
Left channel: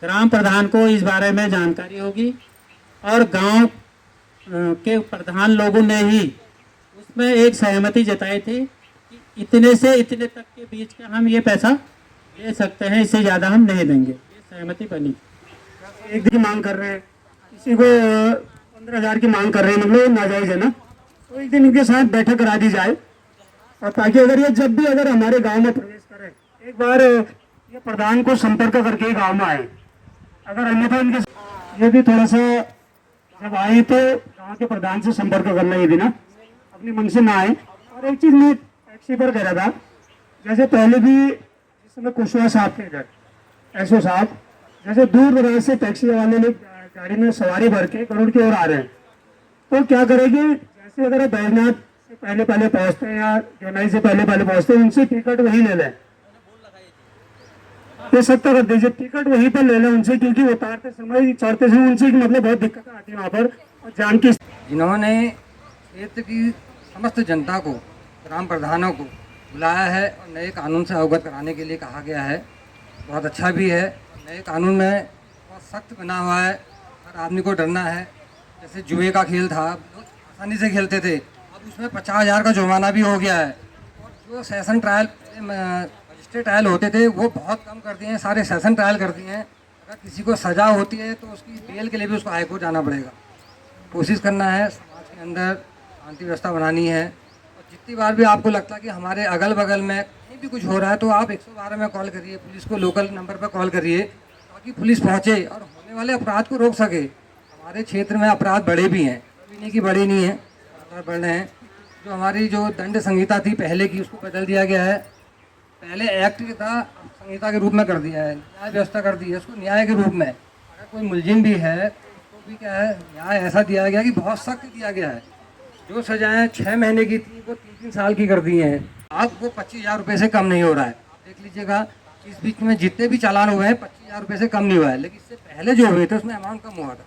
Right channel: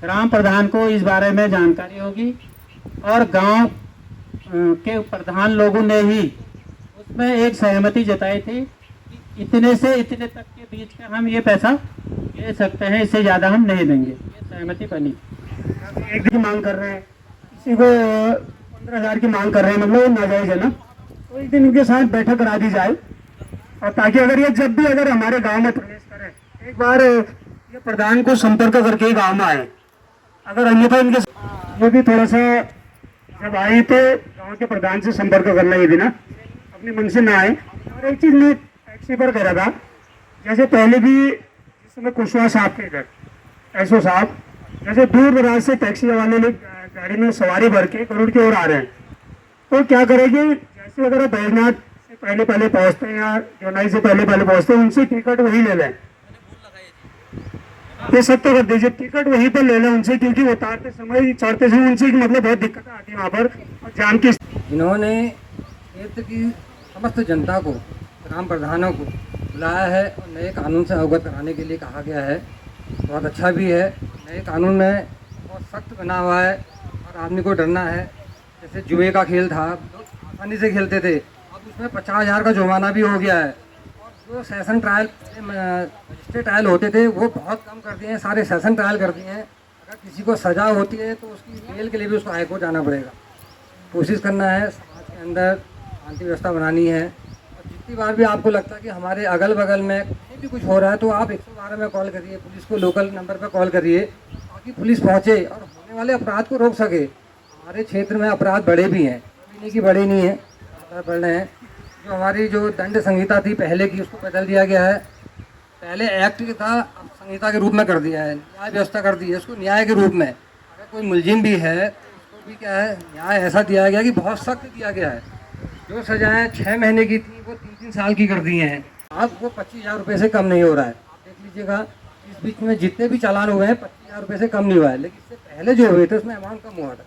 ग्राम प्रधान को इस बारे में जानकारी होगी और गांव के प्रधान लोगों ने ही उसमें एक सहमति जताई थी कि इतने से इतने तक के बीच का हम ये पैसा ले सकते हैं, इससे ज़्यादा हम नहीं देंगे। ये सहमति बनी। एक की मांग कर रहे हैं, किसी को 15,000 की मांग कर रहे हैं, मतलब नाजायज़ है ना। तो एक दिन इनके साथ बैठक करा दी जाए, और ताकि अगर ये जब भी अगर हमारे गांव में प्रवेश करें, एक बार ये प्रधान को संपर्क करके गांव में आए। अगर अन्यथा इनके ये भी थोड़ा सा जब आए तो गांव के प्रधान से संपर्क करना, ये भी ना अपने मन से ना आए। और एक चीज़ मैं टैक्सी पर कह रहा था, जैसे पहले भी जिस समय कुशवाहा साहब के इधर एसओ साहब, जैसे दूर दराज से टैक्सी वाले लोग गाड़ी में सवारी भर के करोड़ की ओर आ रहे हैं, तो क्या करेंगे, जैसे अगर बैजनाथ से पहले पहुंचते हैं या जोनाई से पहले पहुंचते हैं, उनसे टिकट वही ले लें। ये सत्य कर दीजिए, टिकट वहीं पर ले लें उनसे, क्योंकि उतारते समय चढ़ते समय उनसे मतलब बहुत दिक्कत आती है वहाँ पर। और जाम की जिन्होंने क्षेत्र की समस्त जनता को, ग्राम प्रधानों को बुलाया है और नए कानून से अवगत कराने के लिए कहा गया है, बहुत अच्छा भी है। नए कानून में बहुत सख्त बना हुआ है, हर आदमी को डरना है। जैसे जुए का खेल था, बहुत आसानी से खेलते थे, अब उसमें 50,000 का जुर्माना भी हो गया है। और जो सेशन ट्रायल, मजिस्ट्रेट ट्रायल होते थे, वो बहुत कम कर दिए हैं, सारे सेशन ट्रायल कर दिए हैं। अगर किसी को सज़ा होती है तो उसकी बेल के लिए भी उसको हाईकोर्ट जाना पड़ेगा। कोशिश करना है समाज के अंदर शांति व्यवस्था बनानी है। और जितनी बार भी आपको लगता है कि हमारे अगल बगल में कहीं भी कुछ हो रहा है, तो आप 112 में कॉल करिए, पुलिस को लोकल नंबर पर कॉल करिए, ताकि पुलिस पहुँचे और होने वाले अपराध को रोक सके। हमारे क्षेत्र में अपराध बढ़े भी हैं, अभी नहीं कि बड़े नहीं हैं, अपराध बढ़ रहे हैं। जो हमारी जो दंड संहिता थी पहले की, उसको बदल दिया गया है। पहले एक्ट था, संहिता के रूप में कर दिया है, न्याय व्यवस्था कर दी है उसको न्याय के रूप में। अगर कोई मुलजिम भी है तो उसको भी क्या है, न्याय ऐसा दिया गया कि बहुत सख्त दिया गया है। जो सजाएं 6 महीने की थी वो 3-3 साल की कर दी हैं। अब वो 25,000 रुपये से कम नहीं हो रहा है। आप देख लीजिएगा, इस बीच में जितने भी चालान हुए हैं 25,000 रुपये से कम नहीं हुआ है, लेकिन इससे पहले जो हुए थे उसमें अमाउंट कम हुआ था।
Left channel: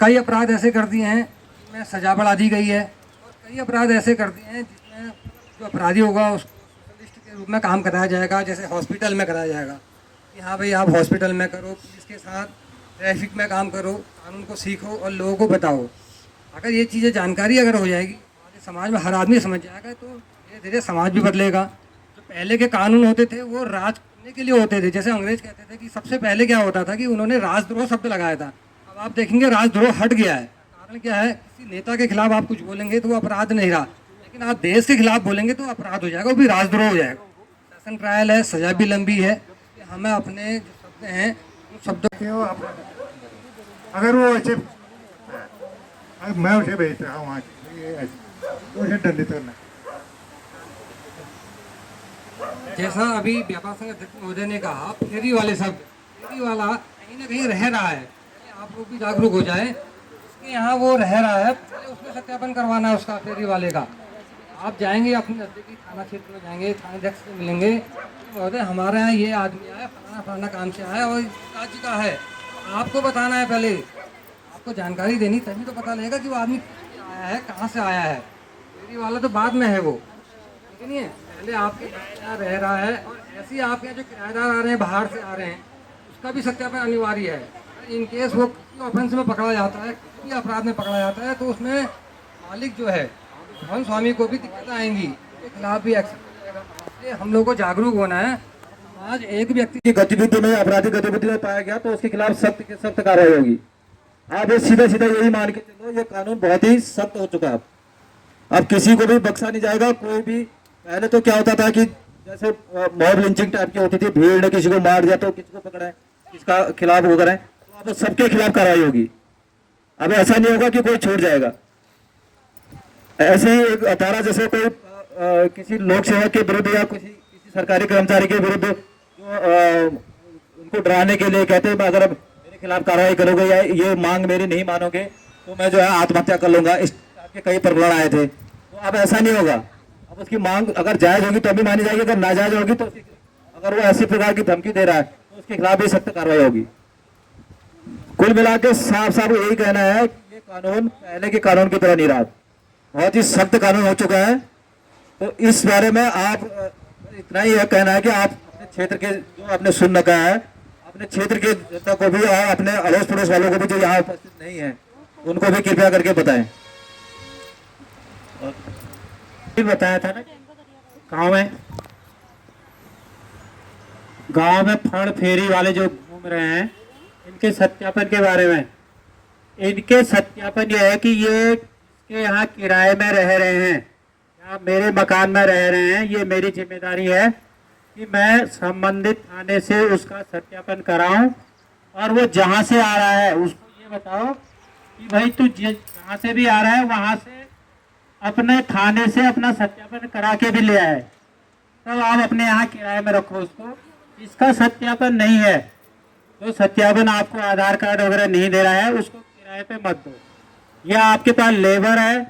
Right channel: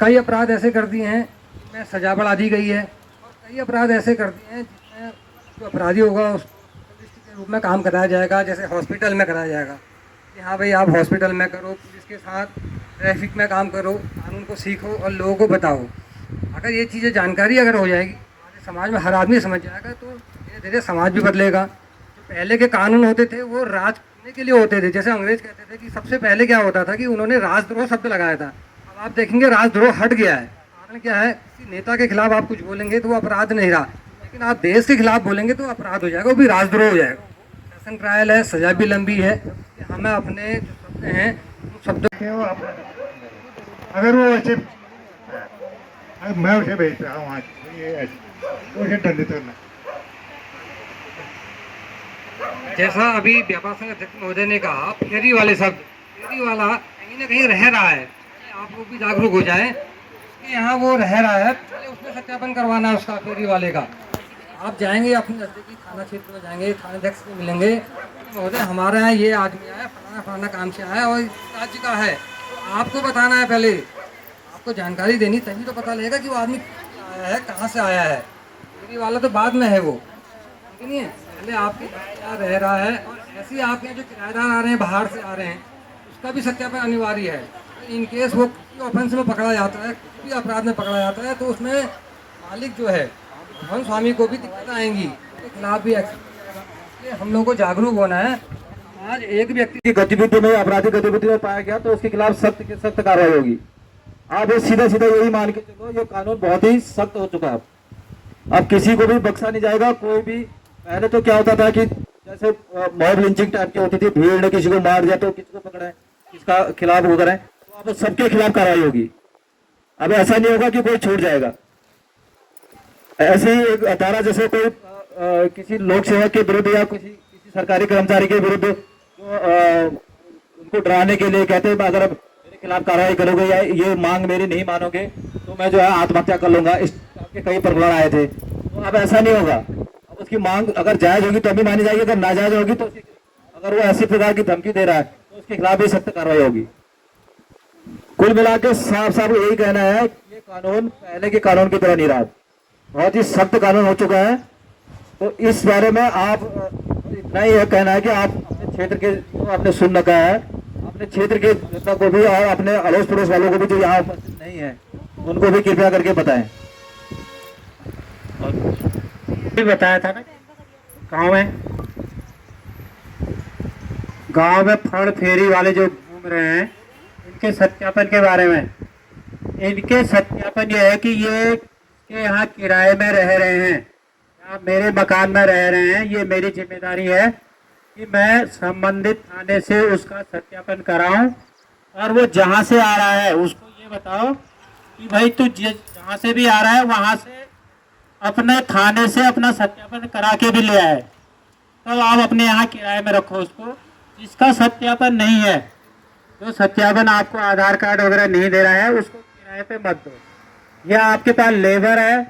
कई अपराध ऐसे कर दिए हैं जिसमें सजा बढ़ा दी गई है, और कई अपराध ऐसे कर दिए हैं जिसमें जो अपराधी होगा उसको लिस्ट के रूप में काम कराया जाएगा। जैसे हॉस्पिटल में कराया जाएगा कि हाँ भाई आप हॉस्पिटल में करो, पुलिस के साथ ट्रैफिक में काम करो, कानून को सीखो और लोगों को बताओ। अगर ये चीज़ें जानकारी अगर हो जाएगी, हमारे समाज में हर आदमी समझ जाएगा, तो धीरे धीरे समाज भी बदलेगा। जो पहले के कानून होते थे वो राज करने के लिए होते थे। जैसे अंग्रेज कहते थे कि सबसे पहले क्या होता था कि उन्होंने राजद्रोह शब्द लगाया था। अब आप देखेंगे राजद्रोह हट गया है। कारण क्या है, किसी नेता के खिलाफ आप कुछ बोलेंगे तो वो अपराध नहीं रहा, लेकिन आप देश के खिलाफ बोलेंगे तो अपराध हो जाएगा, वो भी राजद्रोह हो जाएगा। सेशन ट्रायल है, सजा भी लंबी है। हमें अपने जो शब्द हैं उन शब्दों अगर वो ऐसे, मैं उसे भेजता हूँ वहाँ, ये ऐसे उसे दंडित करना। जैसा अभी व्यापार संघ अध्यक्ष महोदय ने कहा, फेरी वाले शब्द, फेरी वाला कहीं ना कहीं रह रहा है, आप लोग भी जागरूक हो जाएं। इसके यहाँ वो रह रहा है, पहले उसमें सत्यापन करवाना है उसका, फेरी वाले का। आप जाएंगे अपने नज़दीकी थाना क्षेत्र में, जाएंगे थाना अध्यक्ष से मिलेंगे, महोदय हमारे यहाँ ये आदमी आया, फलाना काम से आया और इस राज्य का है, तो आपको बताना है, पहले आपको जानकारी देनी, तभी तो पता लगेगा कि वो आदमी आया है, कहाँ से आया है। फेरी वाला तो बाद में है वो, नहीं है, पहले आपके यहाँ रह रहा है। और ऐसे ही आपके जो किराएदार आ रहे हैं, बाहर से आ रहे हैं, उसका भी सत्यापन अनिवार्य है। इन केस वो किसी ऑफेंस में पकड़ा जाता है, किसी भी अपराध में पकड़ा जाता है, तो उसमें मालिक जो है, भवन स्वामी को भी दिक्कत आएंगी, उसके खिलाफ भी एक्शन करेगा। इसलिए हम लोग को जागरूक होना है। आज एक व्यक्ति की गतिविधि में, आपराधिक गतिविधि में पाया गया तो उसके खिलाफ सख्त से सख्त कार्रवाई होगी। आप ये सीधा सीधा यही मान के चलो, ये कानून बहुत ही सख्त हो चुका है। अब किसी को भी बख्शा नहीं जाएगा, कोई भी। पहले तो क्या होता था कि जैसे मॉब लिंचिंग टाइप की होती थी, भीड़ ने किसी को मार दिया तो किसी को पकड़े, किसका खिलाफ वो करें, तो अब सबके खिलाफ कार्रवाई होगी। अब ऐसा नहीं होगा कि कोई छूट जाएगा। ऐसे ही एक धारा, जैसे कोई किसी लोक सेवा के विरुद्ध या किसी सरकारी कर्मचारी के विरुद्ध जो उनको डराने के लिए कहते हैं, अगर मेरे खिलाफ कार्रवाई करोगे या ये मांग मेरी नहीं मानोगे तो मैं जो है आत्महत्या कर लूंगा, इस टाइप के कई प्रकरण आए थे। तो अब ऐसा नहीं होगा। अब उसकी मांग अगर जायज होगी तो भी मानी जाएगी, अगर नाजायज होगी तो अगर वो ऐसी प्रकार की धमकी दे रहा है तो उसके खिलाफ भी सख्त कार्रवाई होगी। कुल मिला के साफ साफ यही कहना है कि ये कानून पहले के कानून की तरह नहीं रहा, बहुत ही सख्त कानून हो चुका है। तो इस बारे में आप इतना ही है कहना है कि आप अपने क्षेत्र के, जो आपने सुन रखा है, अपने क्षेत्र के जनता को भी और अपने अड़ोस पड़ोस वालों को भी जो यहाँ उपस्थित नहीं है उनको भी कृपया करके बताएं। भी बताया था ना, गांव में फड़ फेरी वाले जो घूम रहे हैं, इनके सत्यापन के बारे में। इनके सत्यापन यह है कि ये जिनके यहाँ किराए में रह रहे हैं या मेरे मकान में रह रहे हैं, ये मेरी जिम्मेदारी है कि मैं संबंधित थाने से उसका सत्यापन कराऊं, और वो जहाँ से आ रहा है उसको ये बताओ कि भाई तू जहाँ से भी आ रहा है वहाँ से अपने थाने से अपना सत्यापन करा के भी ले आए, तो आप अपने यहाँ किराए में रखो उसको। जिसका सत्यापन नहीं है, जो सत्यापन आपको आधार कार्ड वगैरह नहीं दे रहा है, उसको किराए पे मत दो। या आपके पास लेबर है,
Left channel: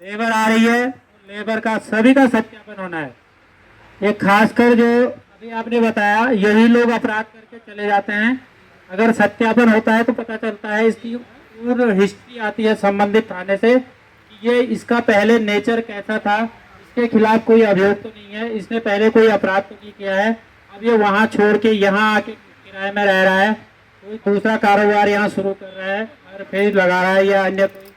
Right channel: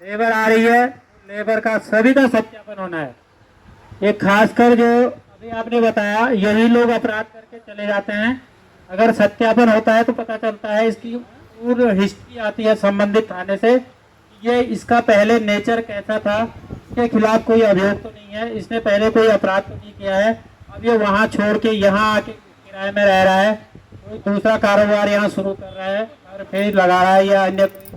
लेबर आ रही है, तो लेबर का सभी का सत्यापन होना है। ये खासकर जो अभी आपने बताया, यही लोग अपराध करके चले जाते हैं। अगर सत्यापन होता है तो पता चलता है, इसकी पूर्ण हिस्ट्री आती है संबंधित थाने से, ये इसका पहले नेचर कैसा था, इसके खिलाफ कोई अभियोग तो नहीं है, इसने पहले कोई अपराध तो नहीं किया है, अब ये वहाँ छोड़ के यहाँ आके किराए में रह रहा है, कोई दूसरा कारोबार यहाँ शुरू कर रहा है और फिर लगा रहा है, या अन्य कोई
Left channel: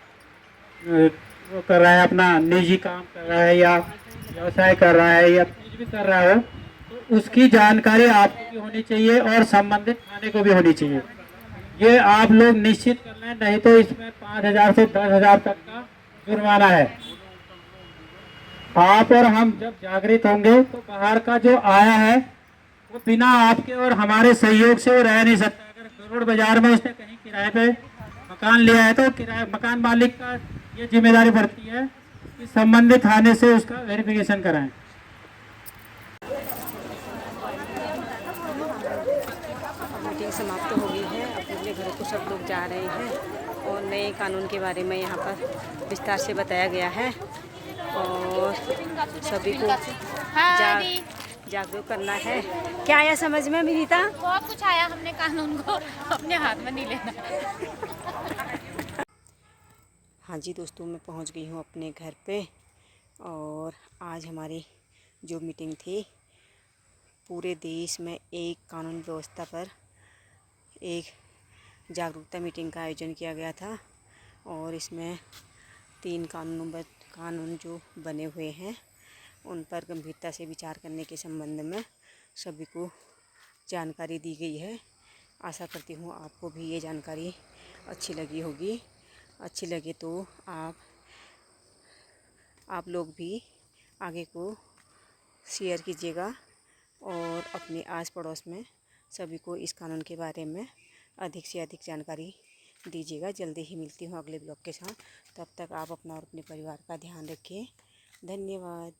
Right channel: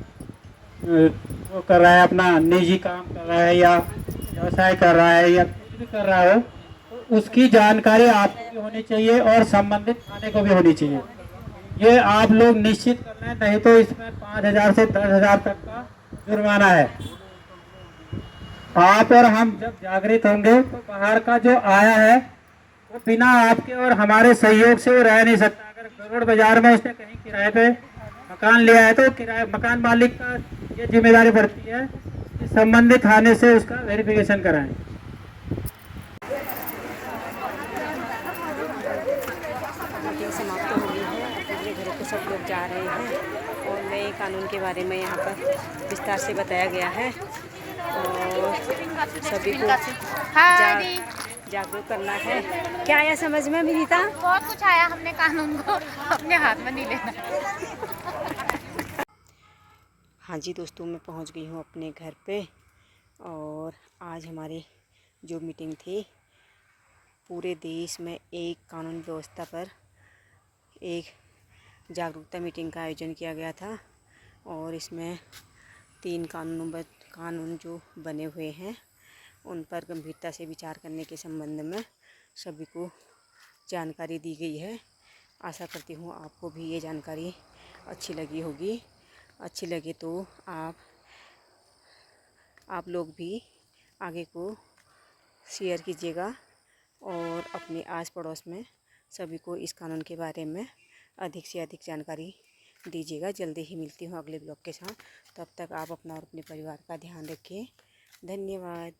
वो कर रहा है, अपना निजी काम कर रहा है या व्यवसाय कर रहा है या कुछ भी कर रहा हो, तो उसकी जानकारी आपको भी होनी चाहिए और संबंधित थाने को भी होनी चाहिए। ये आप लोग निश्चित कर लें, नहीं तो इसमें 5,000 से 10,000 तक का जुर्माना है। आप और हम जब जागृत होंगे तो बाहर का जो आया है वो बिना आपके और हमारे सहयोग से रह नहीं सकता। अगर गरुड़ बाजार में उसने कहीं किराए पे मकान लिया है तो किराए मकान मालिक का ये जिम्मेदारी बढ़ती है कि संबंधित थाने से उसका वेरिफिकेशन कराएं। मीटिंग समाप्त हो गई है, अपने अपने घरों को सब लोग जा रहे हैं और नए कानून के बारे में यहाँ पर विस्तार से बताया गया है और सभी को जागरूक करना है। क्या आया समझ में विनीता? बहुत कुछ आया, हमने कानून को अपने हाथ में नहीं लेना। हाँ जी दोस्तों, मैं पहुँच गई हूँ अपने घर पे और आज हमारी जो मीटिंग थी, पूरे देश में एक कानून व्यवस्था पर एक जागरूकता मीटिंग का आयोजन किया गया था और इसमें 3 कानून जो बने हुए हैं उन पर गंभीरता से विचार करने के संबंध में सभी को जानकारी दी गई है। आशा करती हूँ आपको भी ये जानकारी अच्छी लगी होगी। अच्छी लगे तो आप लोग भी आगे को शेयर कीजिएगा और अपने आस पड़ोस में सभी को इस कानून के बारे में अधिक से अधिक जानकारी दीजिएगा। जल्दी ही मिलती हूँ अगले ब्लॉग के साथ। तब तक आप अपना और अपने परिवार का ध्यान रखिए। धन्यवाद।